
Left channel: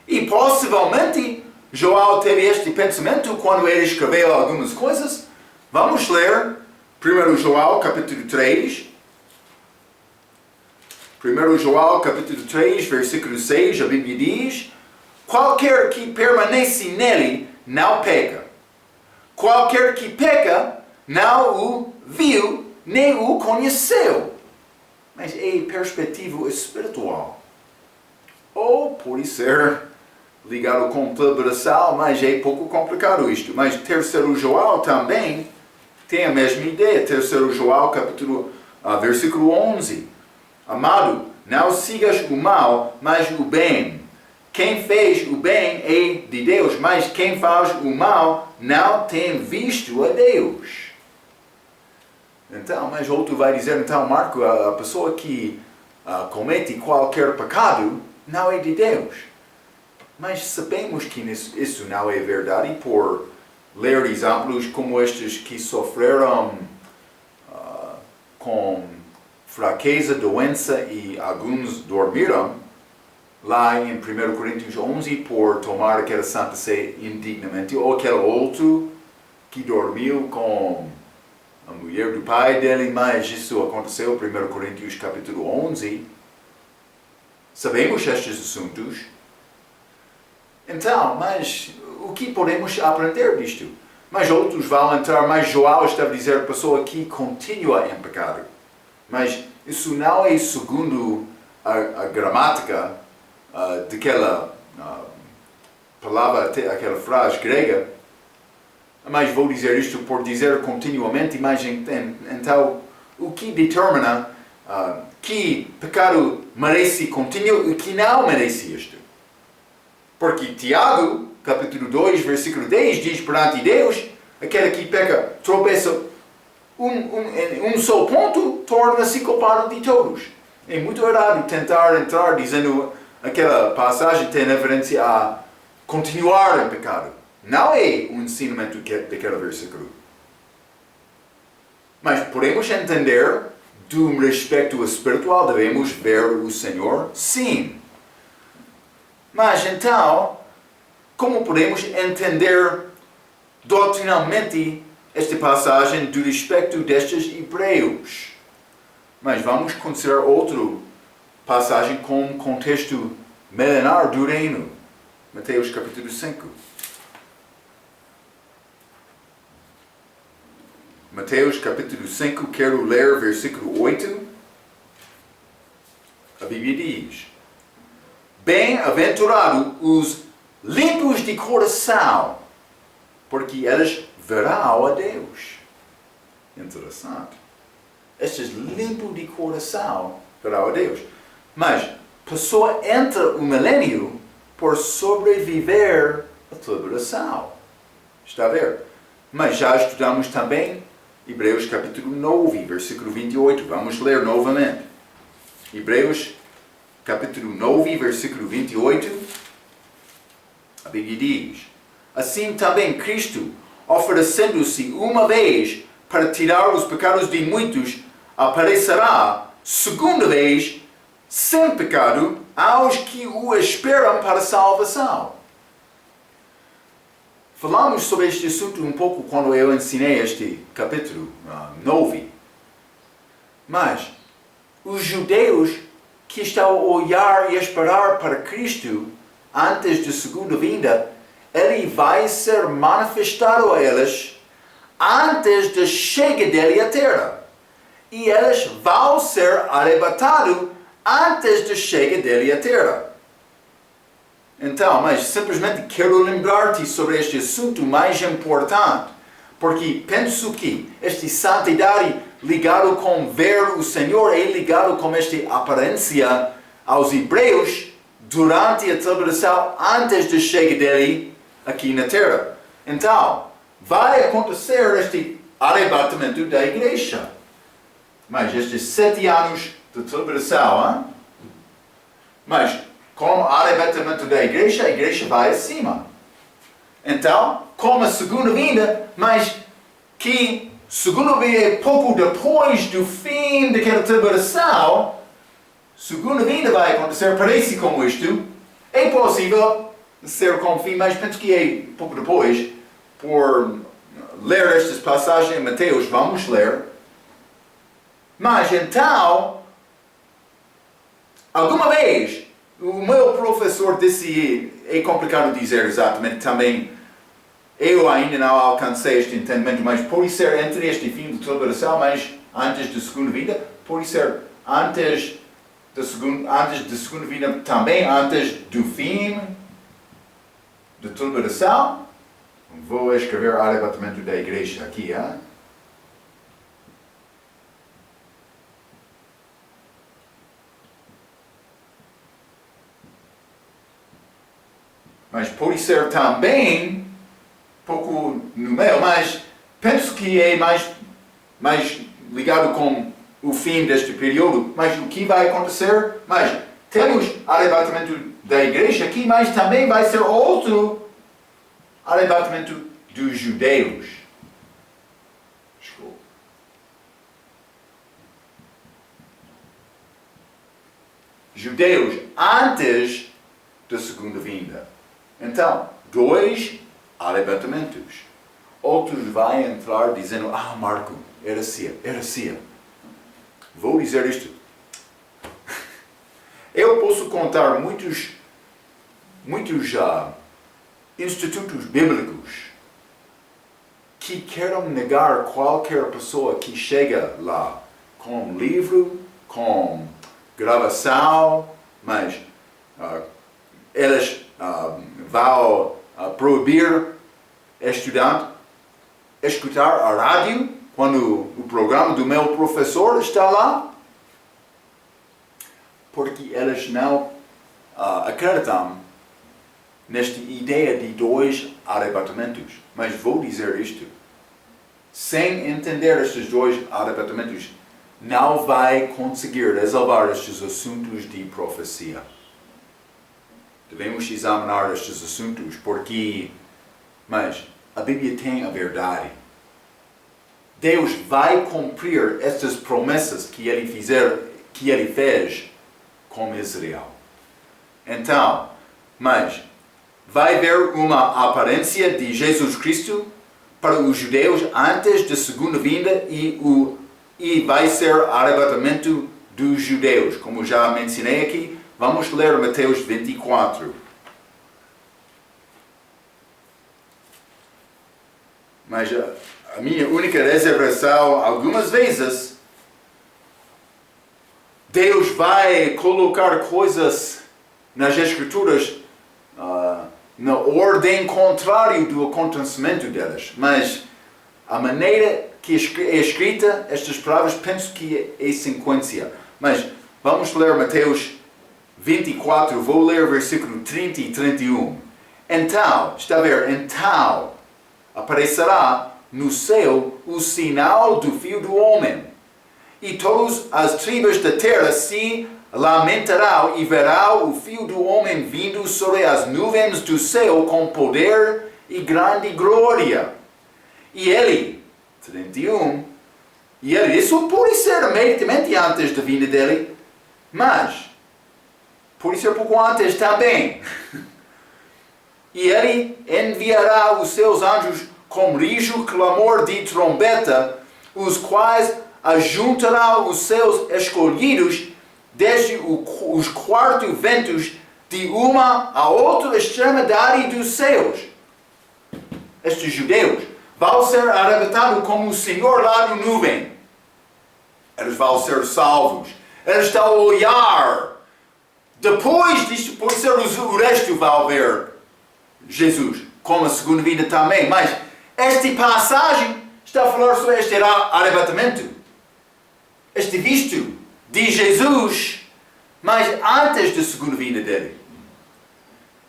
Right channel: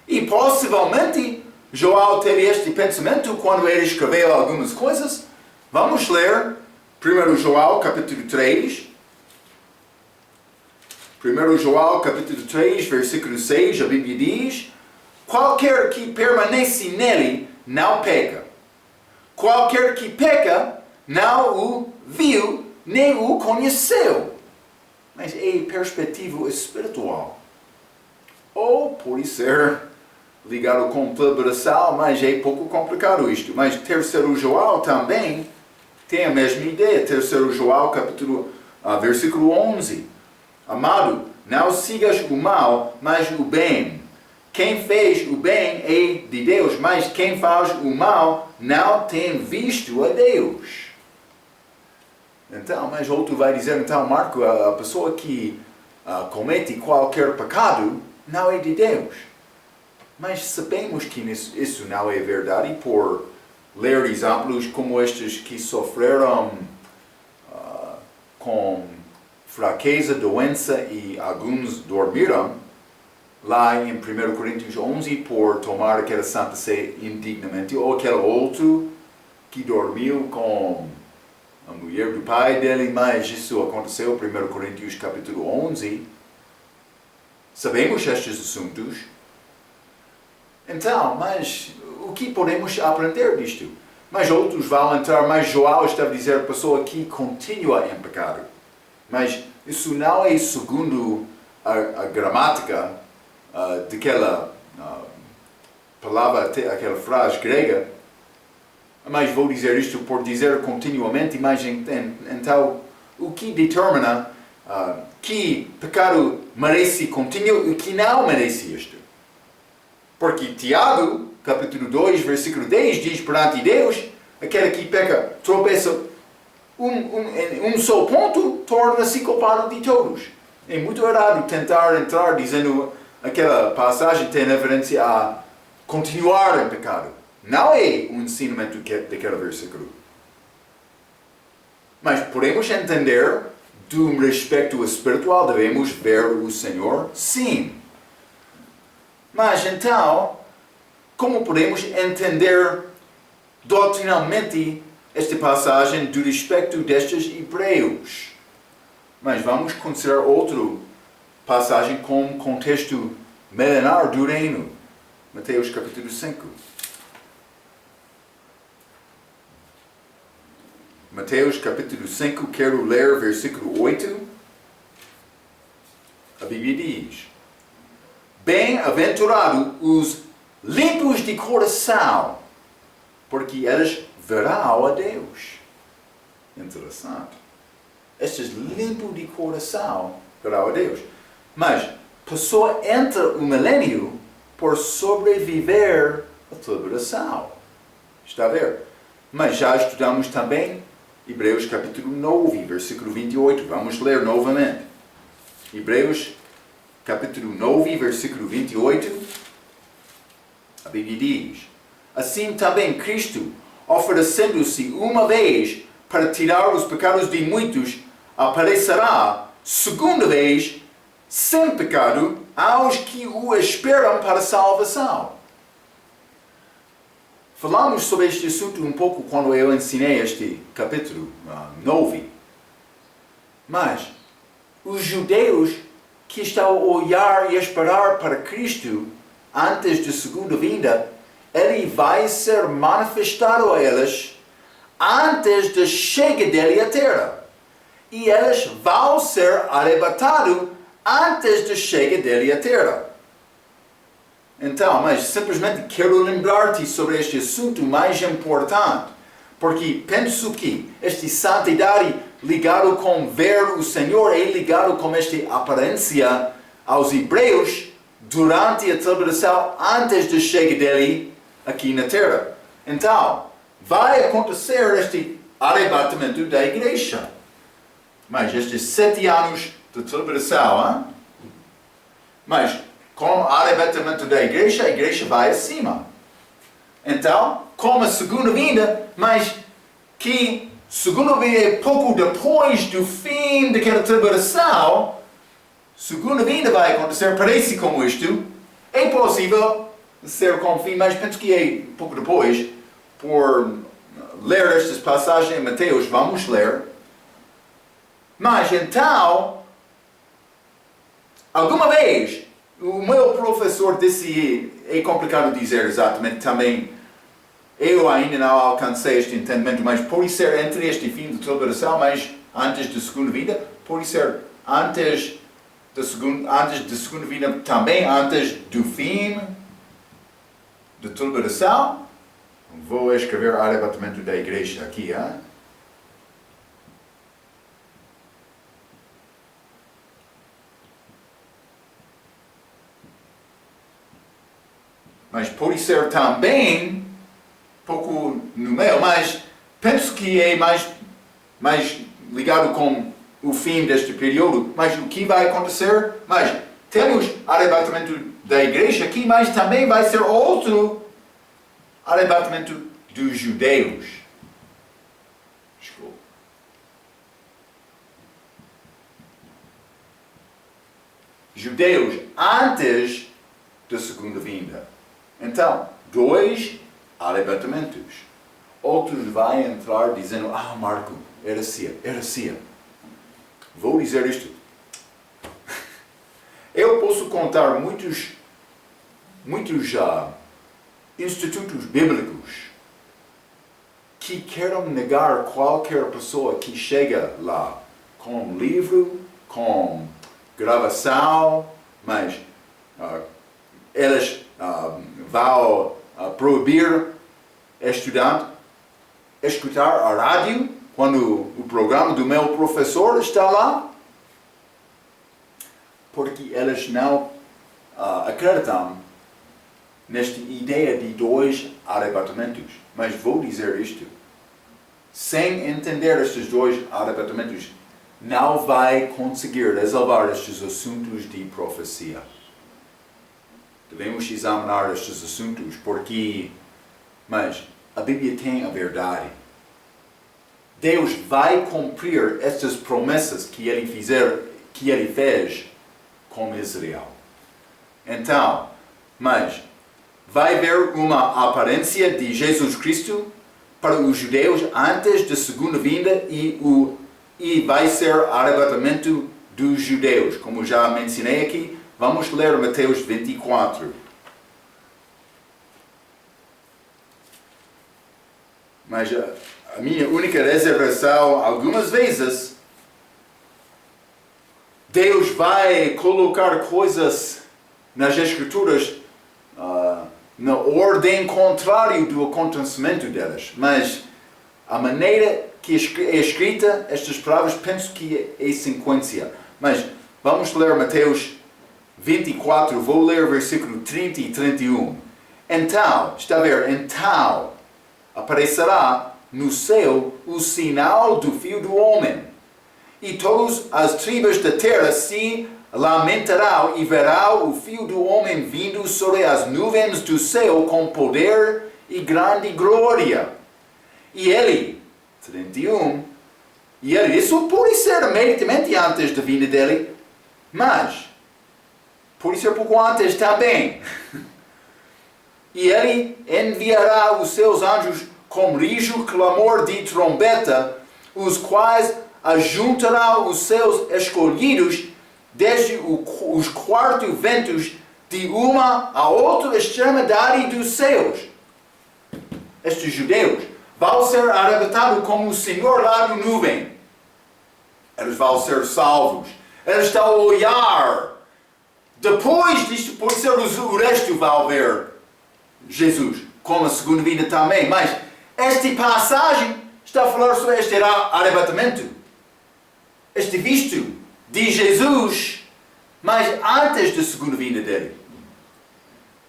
e possivelmente Joel teve este pensamento quando ele escreveu algumas coisas. Vamos ler 1 Joel capítulo 3. 1 Joel capítulo 3, versículo 6, a Bíblia diz: Qualquer que permanece nele não peca. Qualquer que peca não o viu, nem o conheceu. Mas é perspectiva espiritual. Ou pode ser ligado com celebração, mas é pouco complicado isto. Mas 3 Joel também tem a mesma ideia. 3 Joel capítulo, versículo 11. Amado, não sigas o mal, mas o bem. Quem fez o bem é de Deus, mas quem faz o mal não tem visto a Deus. Então, mas outro vai dizer, então, Marco, a pessoa que comete qualquer pecado não é de Deus. Mas sabemos que isso não é verdade por ler exemplos como estes que sofreram com fraqueza, doença e alguns dormiram lá em 1 Coríntios 11 por tomar aquela Santa Ceia indignamente, ou aquele outro que dormiu com a mulher do pai dele, mas isso aconteceu em 1 Coríntios capítulo 11. Sabemos estes assuntos. Então, mas o que podemos aprender disto? Mas outros vão entrar, mas Joel estava a dizer a pessoa que continua em pecado. Mas isso não é segundo a gramática daquela palavra, aquela frase grega. Mas vou dizer isto por dizer continuamente, mas então o que determina que pecado merece continuo e que não merece isto? Porque Tiago, capítulo 2, versículo 10, diz perante Deus, aquele que peca, tropeça um só ponto, torna-se culpado de todos. É muito errado tentar entrar dizendo aquela passagem tem referência a continuar em pecado. não é o ensinamento daquele versículo. Mas podemos entender, do respeito espiritual, devemos ver o Senhor? Sim. Mas então, como podemos entender doutrinalmente esta passagem do respeito destes hebreus? Mas vamos considerar outra passagem com contexto milenar do reino. Mateus capítulo 5. Mateus capítulo 5, quero ler versículo 8. A Bíblia diz: Bem-aventurado os limpos de coração, porque eles verão a Deus. Interessante. Estes limpos de coração verão a Deus. Mas a pessoa entra o milênio por sobreviver à tribulação. Está a ver? Mas já estudamos também Hebreus capítulo 9, versículo 28. Vamos ler novamente. Hebreus capítulo 9, versículo 28. A Bíblia diz: Assim também Cristo, oferecendo-se uma vez para tirar os pecados de muitos, aparecerá segunda vez, sem pecado, aos que o esperam para a salvação. Falamos sobre este assunto um pouco quando eu ensinei este capítulo 9. Mas os judeus que estão a olhar e esperar para Cristo antes da segunda vinda, ele vai ser manifestado a eles antes da chegada dele à terra. E eles vão ser arrebatados antes da chegada dele à terra. Então, mas simplesmente quero lembrar-te sobre este assunto mais importante, porque penso que esta santidade ligado com ver o Senhor é ligado com esta aparência aos hebreus durante a tribulação antes da chegada dele aqui na terra. Então, vai acontecer este arrebatamento da igreja. Mas estes 7 anos de tribulação, mas com o arrebatamento da igreja, a igreja vai acima. Então, com a segunda vinda, mas que segunda vinda é pouco depois do fim daquela tribulação, segunda vinda vai acontecer, parece como isto. É possível ser com o fim, mas penso que é pouco depois. Por ler estas passagens em Mateus, vamos ler. Mas então, alguma vez, o meu professor disse, é complicado dizer exatamente também, eu ainda não alcancei este entendimento, mas pode ser entre este fim de tribulação, mas antes da segunda vida, pode ser antes da segunda vida, também antes do fim da tribulação. Vou escrever arrebatamento da igreja aqui, hein? Mas pode ser também, pouco no meio, mas penso que é mais ligado com o fim deste período. Mas o que vai acontecer? Mas temos arrebatamento da igreja aqui, mas também vai ser outro arrebatamento dos judeus. Desculpa. Judeus antes da segunda vinda. Então, 2 arrebatamentos. Outros vão entrar dizendo, Marco, heresia. Vou dizer isto. Eu posso contar muitos institutos bíblicos que querem negar qualquer pessoa que chega lá com livro, com gravação, mas eles vão proibir estudante escutar a rádio quando o programa do meu professor está lá, porque eles não acreditam nesta ideia de 2 arrebatamentos. Mas vou dizer isto, sem entender estes 2 arrebatamentos, não vai conseguir resolver estes assuntos de profecia. Devemos examinar estes assuntos, porque Mas a Bíblia tem a verdade. Deus vai cumprir estas promessas que Ele fez com Israel. Então, mas vai haver uma aparência de Jesus Cristo para os judeus antes da segunda vinda e vai ser arrebatamento dos judeus. Como já mencionei aqui, vamos ler Mateus 24. Mas a minha única reservação, algumas vezes, Deus vai colocar coisas nas Escrituras na ordem contrária do acontecimento delas. Mas a maneira que é escrita estas palavras, penso que é sequência. Mas vamos ler Mateus 24, vou ler versículo 30 e 31. Então, está a ver, então aparecerá no céu o sinal do Filho do Homem, e todas as tribos da terra se lamentarão e verão o Filho do Homem vindo sobre as nuvens do céu com poder e grande glória. E ele, 31, isso pode ser imediatamente antes da vinda dele, mas pode ser pouco antes também. E ele enviará os seus anjos com rijo clamor de trombeta, os quais ajuntarão os seus escolhidos desde os quatro ventos de uma a outra extremidade dos céus. Estes judeus vão ser arrebatados como o Senhor lá no nuvem. Eles vão ser salvos. Eles estão a olhar. Depois disto, pode ser o resto vai ver Jesus, como a segunda vinda também. Mas esta passagem está a falar sobre este arrebatamento. Este visto de Jesus, mas antes da segunda vinda dele.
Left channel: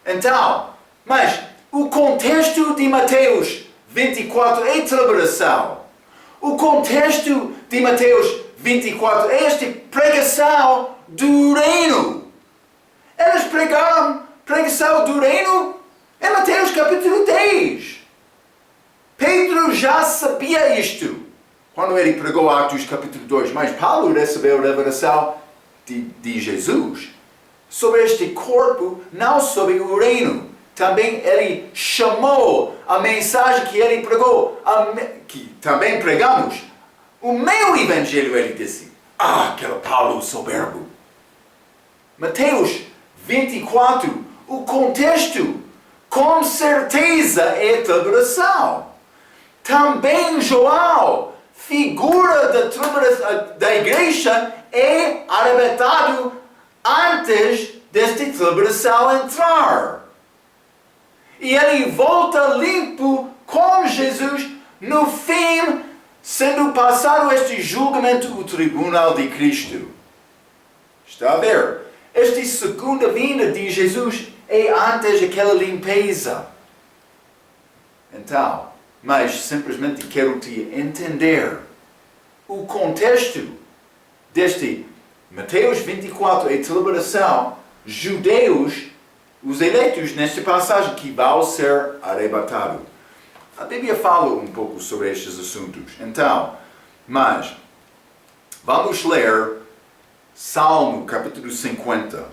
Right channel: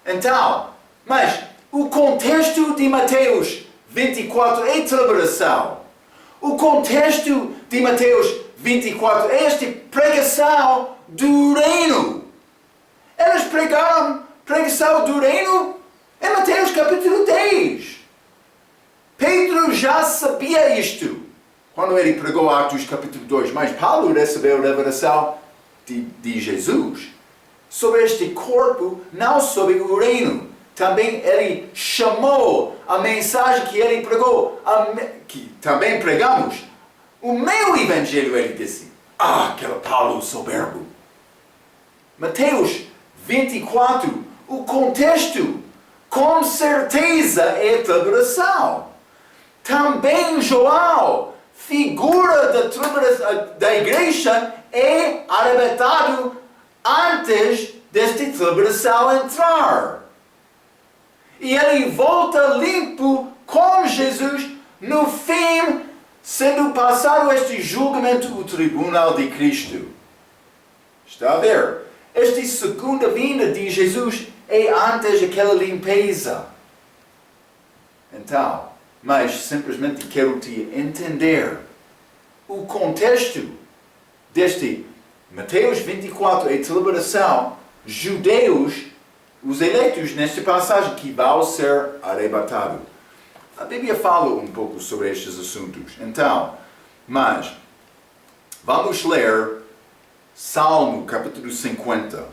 Então, mas o contexto de Mateus 24 é tribulação. O contexto de Mateus 24 é esta pregação do reino. Eles pregaram pregação do reino em Mateus capítulo 10. Pedro já sabia isto quando ele pregou Atos capítulo 2, mas Paulo recebeu a revelação de Jesus sobre este corpo, não sobre o reino. Também ele chamou a mensagem que ele pregou, que também pregamos. O meu evangelho, ele disse, aquele Paulo soberbo. Mateus 24, o contexto, com certeza é tribulação. Também João, figura da igreja, é arrebatado antes desta tribulação entrar. E ele volta limpo com Jesus no fim, sendo passado este julgamento o tribunal de Cristo. Está a ver? Esta segunda vinda de Jesus é antes daquela limpeza. Então, mas simplesmente quero te entender o contexto deste Mateus 24 é tribulação, judeus, os eleitos nesta passagem que vão ser arrebatados. A Bíblia fala um pouco sobre estes assuntos. Então, mas vamos ler Salmo capítulo 50.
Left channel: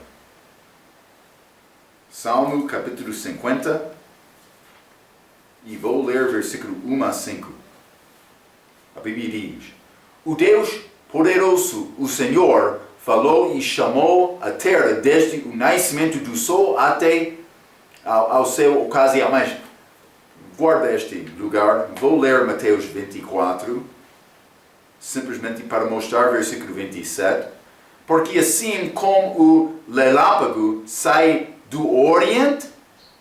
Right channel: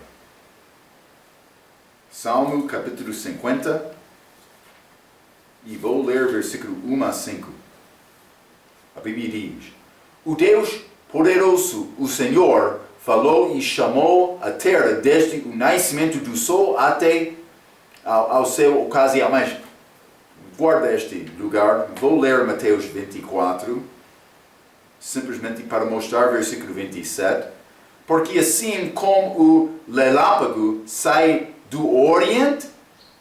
Salmo capítulo 50. E vou ler versículo 1 a 5. A Bíblia diz: O Deus poderoso, o Senhor, falou e chamou a terra desde o nascimento do sol até ao seu ocasião. Mas guarda este lugar. Vou ler Mateus 24, simplesmente para mostrar versículo 27. Porque assim como o relâmpago sai do oriente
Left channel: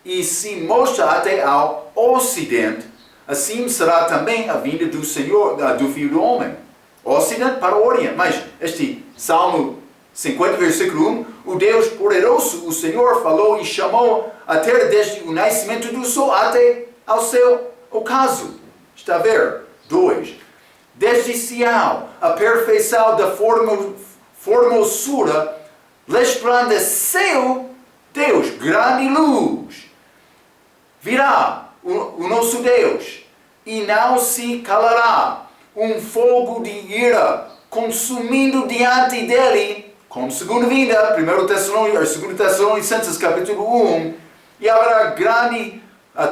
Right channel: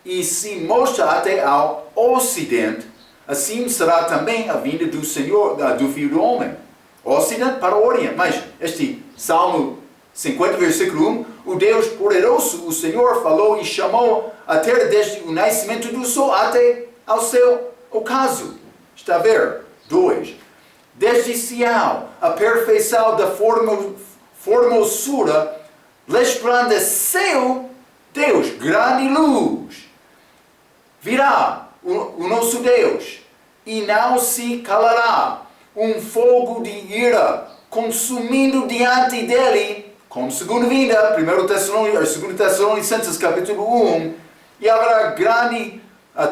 e se mostra até ao ocidente, assim será também a vinda do Senhor, do Filho do Homem. Ocidente para o oriente. Mas este Salmo 50, versículo 1, o Deus poderoso, o Senhor, falou e chamou a terra desde o nascimento do sol até ao seu ocaso. Está a ver? 2. Desde Sião, a perfeição da formosura, resplandeceu Deus, grande luz. Virá o nosso Deus, e não se calará. Um fogo de ira consumindo diante dele, como segunda vinda, 2 Tessalonicenses capítulo 1, e haverá grande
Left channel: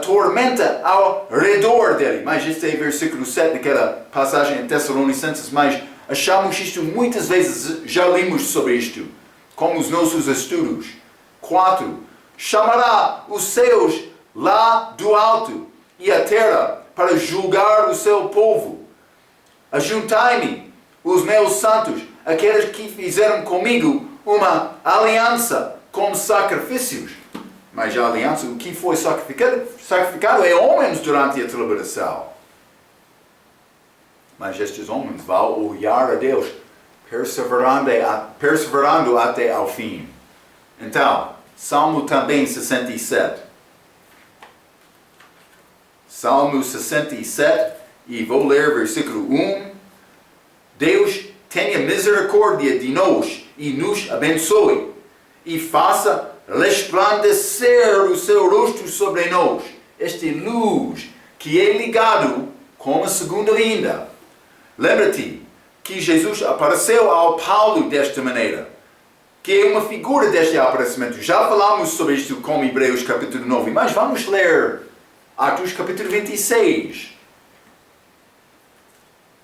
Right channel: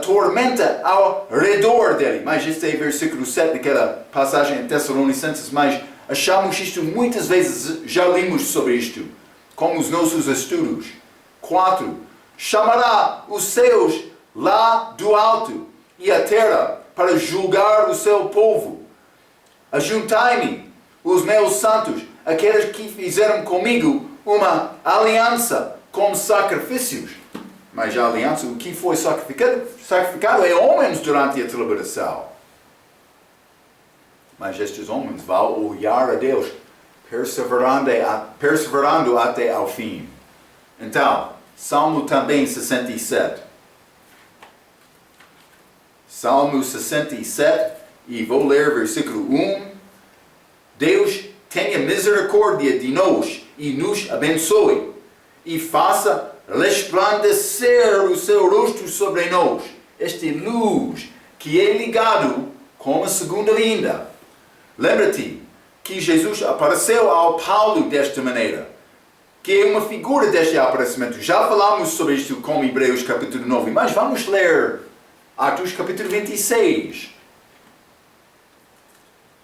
tormenta ao redor dele. Mas este é versículo 7 daquela passagem em Tessalonicenses, mas achamos isto muitas vezes, já lemos sobre isto, como os nossos estudos. 4. Chamará os céus lá do alto e a terra para julgar o seu povo. Ajuntai-me, os meus santos, aqueles que fizeram comigo uma aliança com sacrifícios. Mas a aliança, o que foi sacrificado é homens durante a tribulação. Mas estes homens vão olhar a Deus, perseverando até ao fim. Então, Salmo também 67. Salmo 67, e vou ler versículo 1. Deus tenha misericórdia de nós e nos abençoe, e faça resplandecer o seu rosto sobre nós. Esta luz que é ligado com a segunda vinda. Lembra-te que Jesus apareceu ao Paulo desta maneira, que é uma figura deste aparecimento. Já falamos sobre isto com Hebreus capítulo 9, mas vamos ler Atos capítulo 26.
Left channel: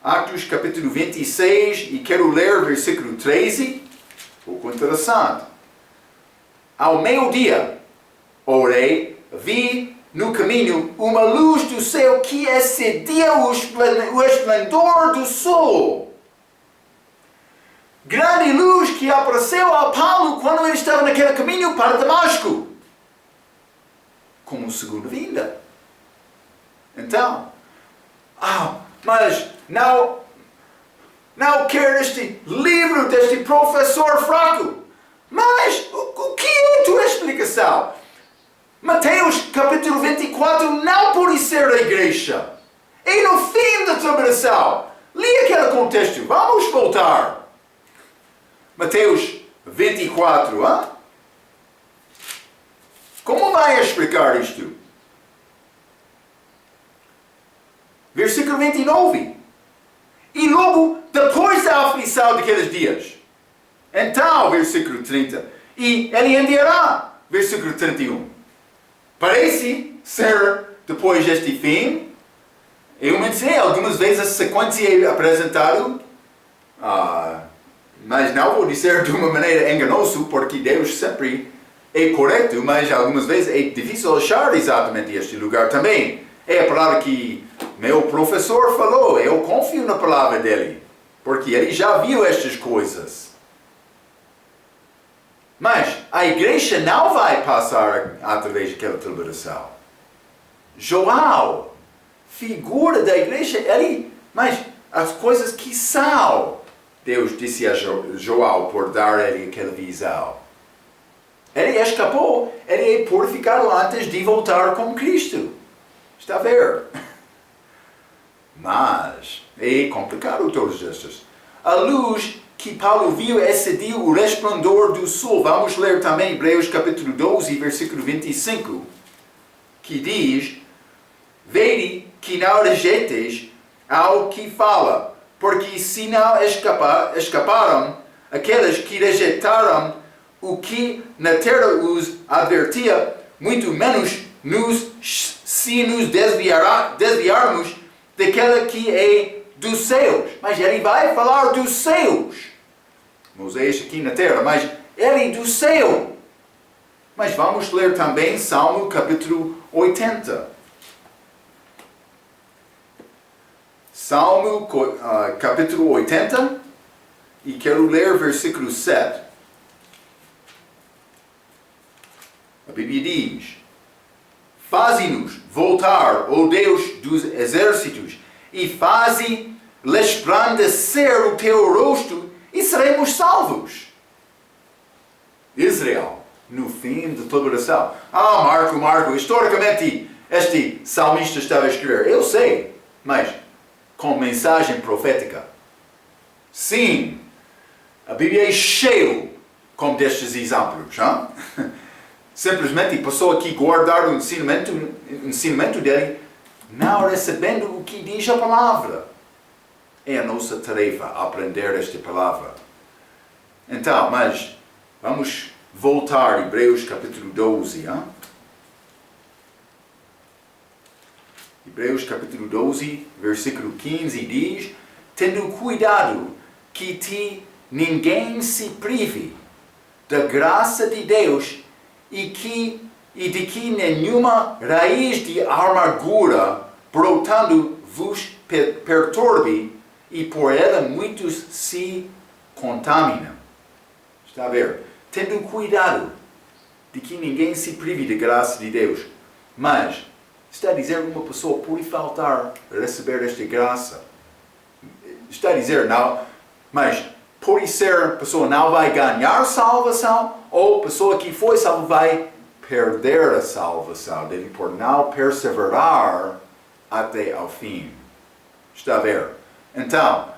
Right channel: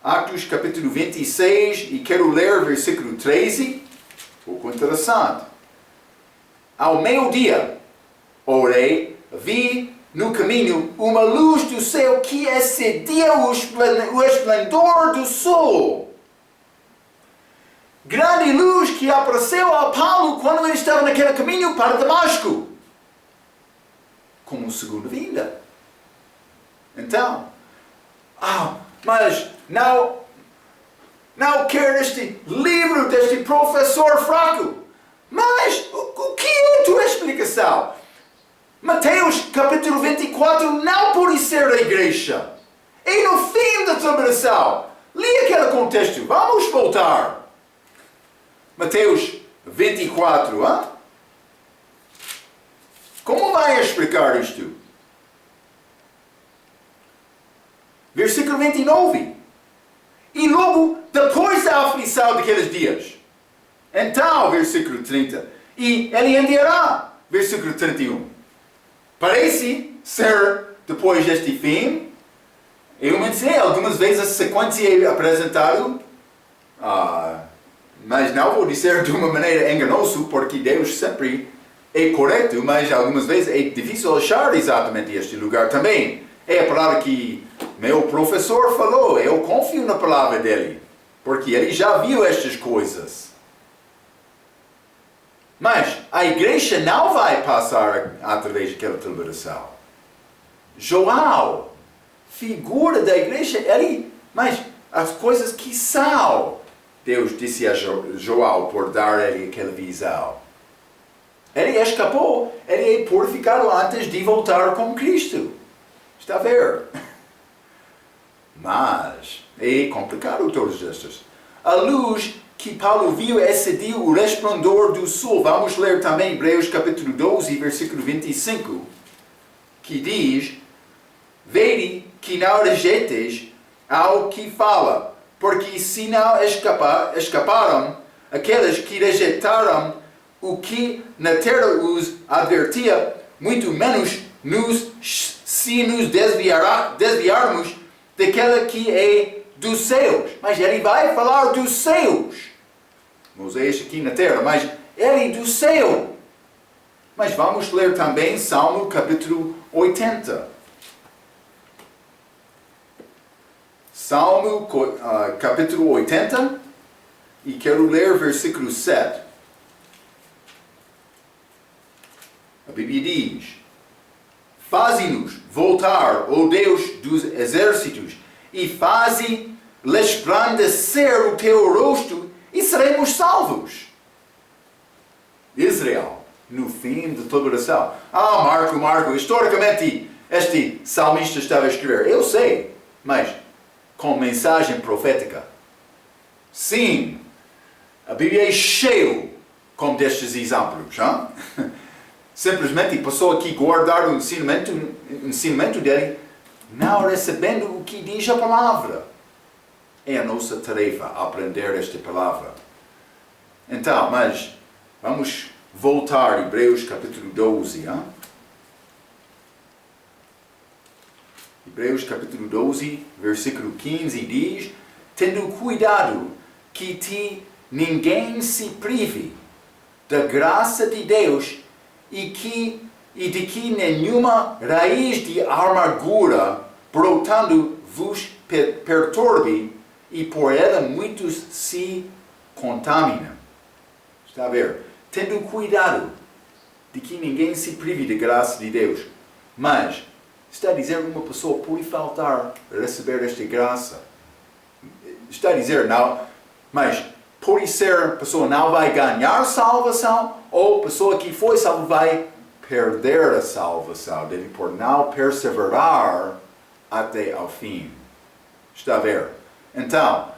Atos capítulo 26, e quero ler versículo 13, pouco interessante. Ao meio-dia, orei, vi no caminho uma luz do céu que excedia o esplendor do sol. Grande luz que apareceu a Paulo quando ele estava naquele caminho para Damasco, como segunda vinda. Então, mas não quero este livro deste professor fraco. Mas o que é a tua explicação? Mateus capítulo 24 não pode ser a igreja. É no fim da tribulação. Li aquele contexto. Vamos voltar. Mateus 24, hein? Como vai explicar isto? Versículo 29. E logo depois da aflição daqueles dias. Então, versículo 30. E ele enviará. Versículo 31. Parece ser depois deste fim. Eu mencionei algumas vezes a sequência é apresentada. Mas não vou dizer de uma maneira enganosa, porque Deus sempre é correto, mas algumas vezes é difícil achar exatamente este lugar também. É a palavra que meu professor falou, eu confio na palavra dele, porque ele já viu estas coisas. Mas a igreja não vai passar através daquela tribulação. João, figura da igreja, mas as coisas que são, Deus disse a João por dar a ele aquela visão. Ele escapou, ele é purificado antes de voltar com Cristo. Está a ver? Mas é complicado todos estes. A luz que Paulo viu excediu o resplendor do sol. Vamos ler também Hebreus capítulo 12, versículo 25, que diz: vede que não rejeites ao que fala, porque se não escaparam aqueles que rejeitaram o que na terra os advertia, muito menos se nos desviarmos daquela que é dos céus. Mas ele vai falar dos céus. Moisés aqui na terra, mas ele é do céu. Mas vamos ler também Salmo capítulo 80. Salmo capítulo 80, e quero ler versículo 7. A Bíblia diz: faze-nos voltar, ó Deus dos exércitos, e faze resplandecer o teu rosto, e seremos salvos. Israel, no fim de toda oração. Marco, historicamente este salmista estava a escrever. Eu sei, mas com mensagem profética. Sim, a Bíblia é cheia como destes exemplos. Hein? simplesmente a pessoa que guardar o ensinamento dele, não recebendo o que diz a palavra. É a nossa tarefa aprender esta palavra. Então, mas vamos voltar a Hebreus capítulo 12. Hein? Hebreus capítulo 12, versículo 15 diz: tendo cuidado que ninguém se prive da graça de Deus e de que nenhuma raiz de amargura brotando vos perturbe e por ela muitos se contaminam. Está a ver? Tendo cuidado de que ninguém se prive da graça de Deus. Mas está a dizer que uma pessoa pode faltar a receber esta graça. Está a dizer, não, mas pode ser a pessoa não vai ganhar salvação, ou a pessoa que foi salva vai perder a salvação dele por não perseverar até ao fim. Está a ver? Então,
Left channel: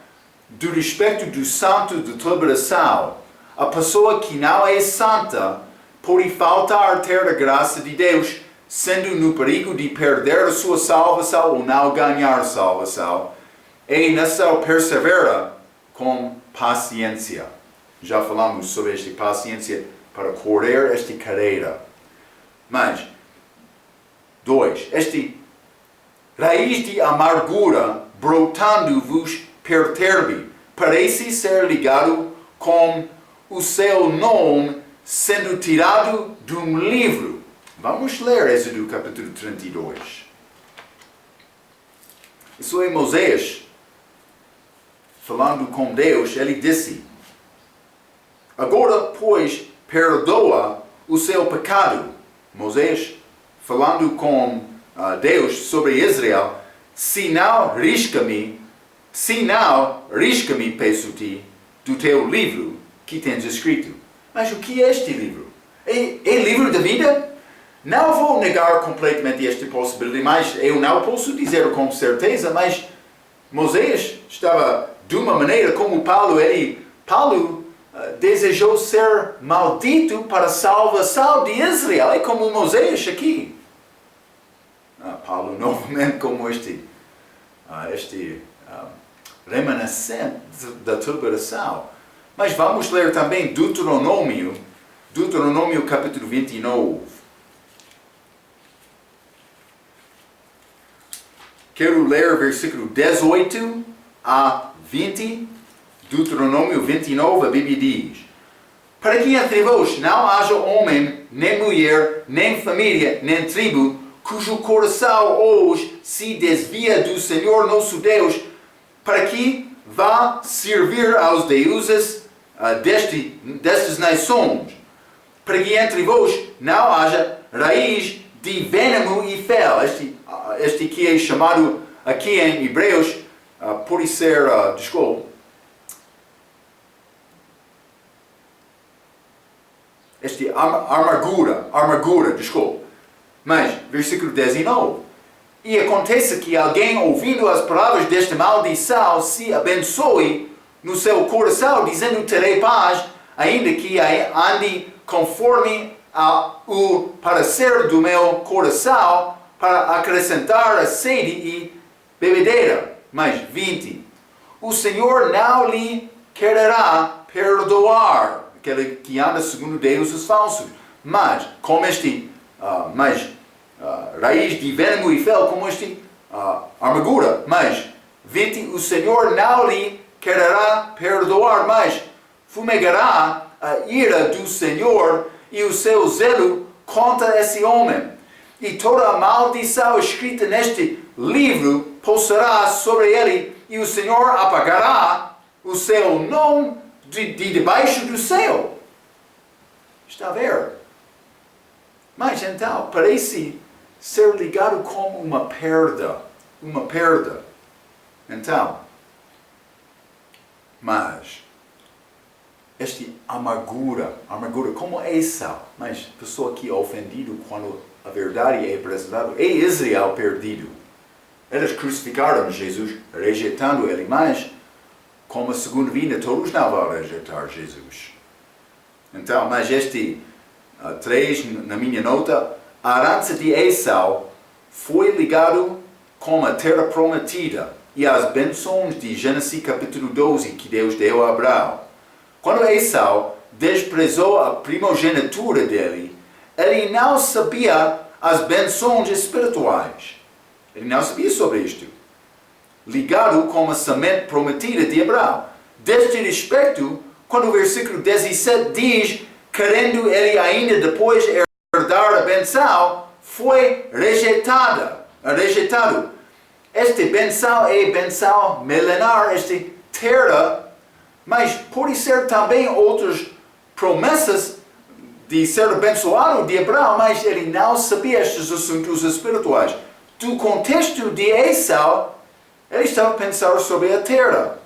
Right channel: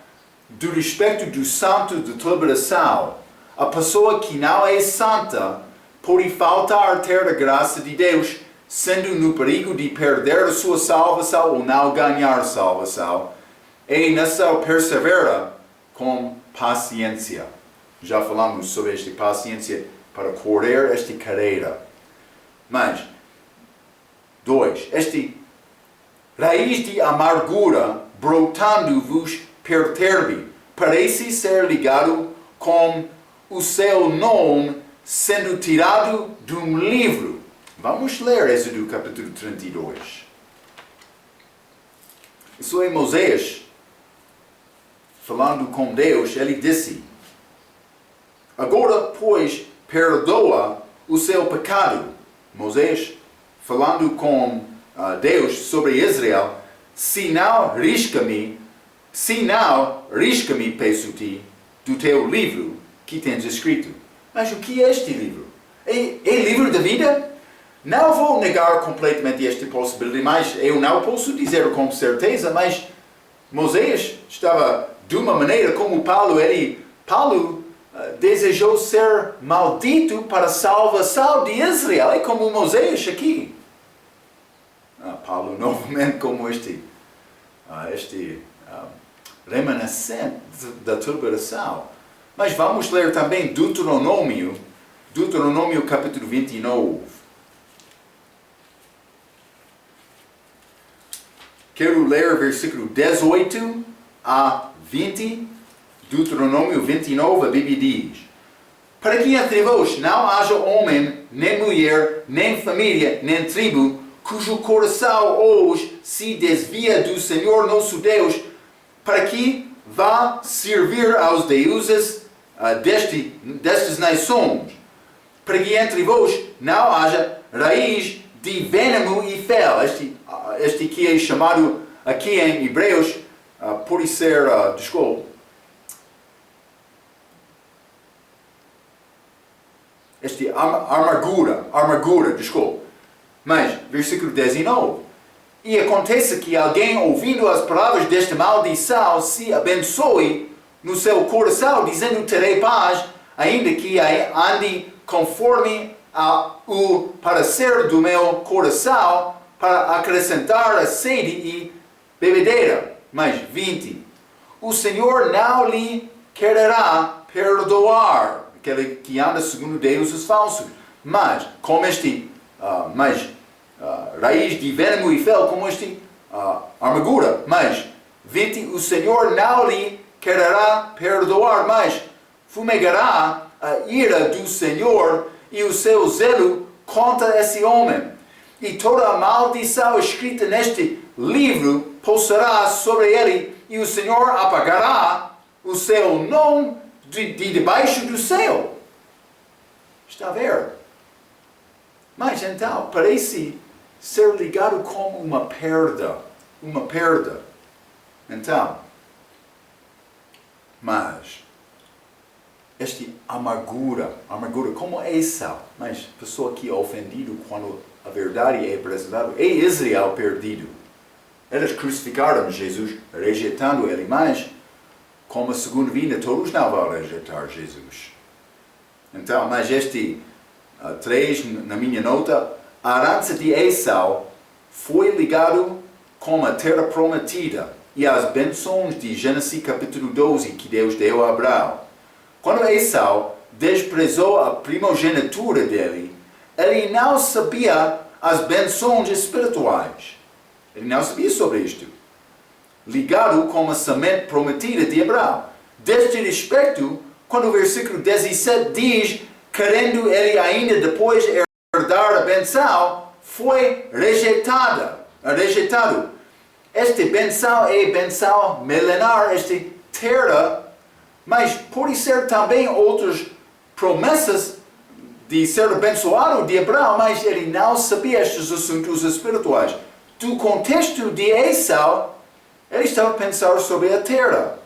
do respeito do santo de liberação, a pessoa que não é santa pode faltar ter a graça de Deus, sendo no perigo de perder a sua salvação ou não ganhar salvação. É necessário perseverar com paciência. Já falamos sobre esta paciência para correr esta carreira. Mas, 2. Este raiz de amargura brotando-vos perturbe, parece ser ligado com o seu nome sendo tirado de um livro. Vamos ler Êxodo capítulo 32. Isso é Moisés falando com Deus. Ele disse: agora, pois, perdoa o seu pecado. Moisés falando com Deus sobre Israel: se não, risca-me, peço-te, do teu livro que tens escrito. Mas o que é este livro? É livro da vida? Não vou negar completamente esta possibilidade, mas eu não posso dizer com certeza, mas Moisés estava de uma maneira como Paulo desejou ser maldito para a salvação de Israel. É como Moisés aqui. Paulo novamente como este remanescente da liberação. Mas vamos ler também Deuteronômio capítulo 29. Quero ler versículo 18 a 20, Deuteronômio 29, a Bíblia diz: para que entre vós não haja homem, nem mulher, nem família, nem tribo, cujo coração hoje se desvia do Senhor nosso Deus, para que vá servir aos deuses destas nações, para que entre vós não haja raiz de veneno e fel. Este que é chamado aqui em Hebreus, pode ser, amargura, desculpa. Mas, versículo 19. E acontece que alguém, ouvindo as palavras desta maldição, se abençoe no seu coração, dizendo: terei paz, ainda que ande conforme o parecer do meu coração, para acrescentar a sede e bebedeira. Mas 20. O Senhor não lhe quererá perdoar aquele que anda segundo deuses falsos. Mas, como raiz de veneno e fel, como amargura. Mas, 20. O Senhor não lhe quererá perdoar, mas fumegará a ira do Senhor e o seu zelo contra esse homem. E toda a maldição escrita neste livro pousará sobre ele, e o Senhor apagará o seu nome de debaixo do céu. Está a ver? Mas então, parece ser ligado como uma perda. Então, mas esta amargura como Esau, mas pessoa que é ofendido quando a verdade é apresentada, é Israel perdido. Eles crucificaram Jesus, rejeitando ele, mas como a segunda vinda, todos não vão rejeitar Jesus. Então, mas 3 na minha nota, a herança de Esau foi ligado com a terra prometida e as bênçãos de Gênesis capítulo 12 que Deus deu a Abraão. Quando Esau desprezou a primogenitura dele, ele não sabia as bênçãos espirituais. Ele não sabia sobre isto. Ligado com a semente prometida de Abraão. Deste respeito, quando o versículo 17 diz, querendo ele ainda depois herdar a benção, foi rejeitado. Esta benção é benção milenar, esta terra, mas pode ser também outras promessas de ser abençoado de Abraão, mas ele não sabia estes assuntos espirituais. Do contexto de Esau, ele estava a pensar sobre a terra.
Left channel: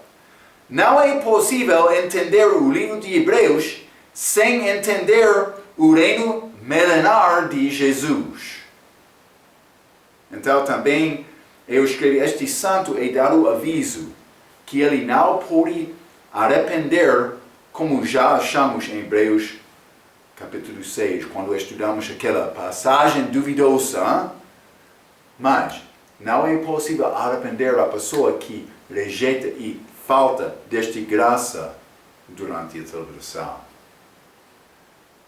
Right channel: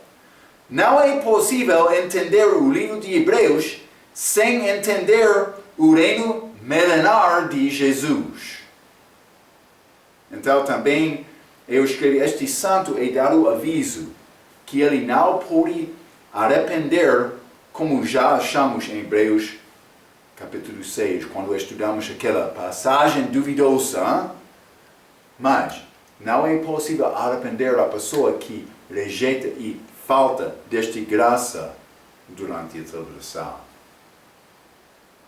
Não é possível entender o livro de Hebreus sem entender o reino milenar de Jesus. Então também eu escrevi, este santo é dado aviso que ele não pode arrepender, como já achamos em Hebreus capítulo 6, quando estudamos aquela passagem duvidosa. Mas não é possível arrepender a pessoa que rejeita e falta desta graça durante a celebração.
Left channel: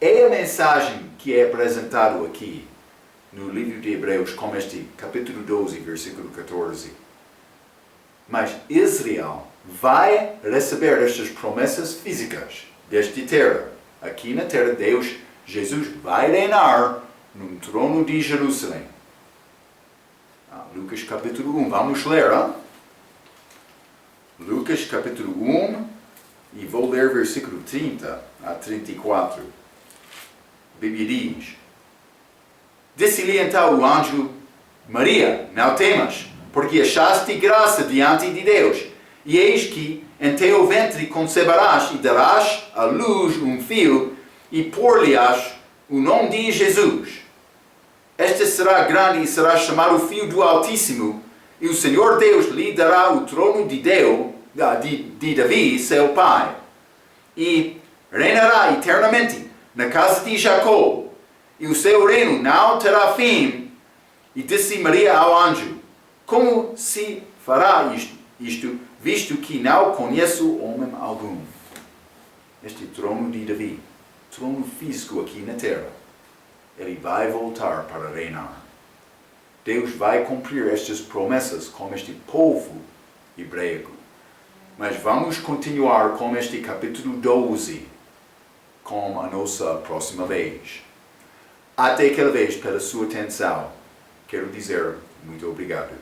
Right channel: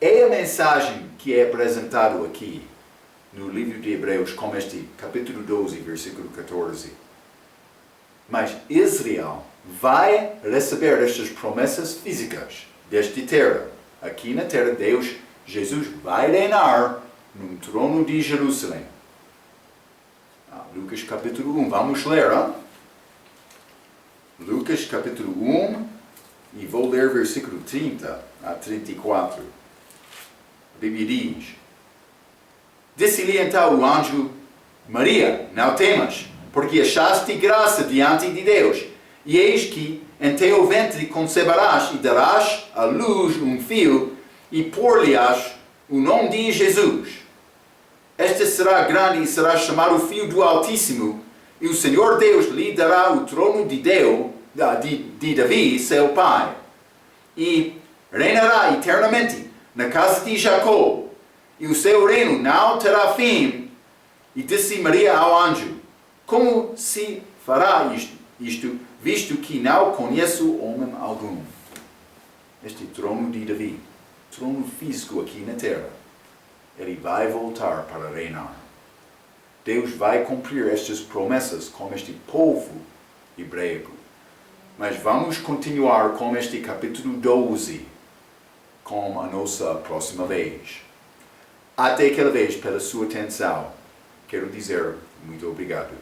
É a mensagem que é apresentada aqui no livro de Hebreus, como este capítulo 12, versículo 14. Mas Israel vai receber estas promessas físicas desta terra. Aqui na terra, Jesus vai reinar no trono de Jerusalém. Lucas capítulo 1, vamos ler, hein? Lucas capítulo 1, e vou ler versículo 30 a 34. A Bíblia diz: Disse-lhe então o anjo: Maria, não temas, porque achaste graça diante de Deus. E eis que em teu ventre conceberás e darás à luz um filho, e pôr-lhe-ás o nome de Jesus. Este será grande e será chamado Filho do Altíssimo, e o Senhor Deus lhe dará o trono de Davi, seu pai, e reinará eternamente na casa de Jacó, e o seu reino não terá fim. E disse Maria ao anjo: Como se fará isto, visto que não conheço homem algum? Este trono de Davi, trono físico aqui na terra, ele vai voltar para reinar. Deus vai cumprir estas promessas com este povo hebraico. Mas vamos continuar com este capítulo 12, com a nossa próxima vez. Até aquela vez, pela sua atenção, quero dizer muito obrigado.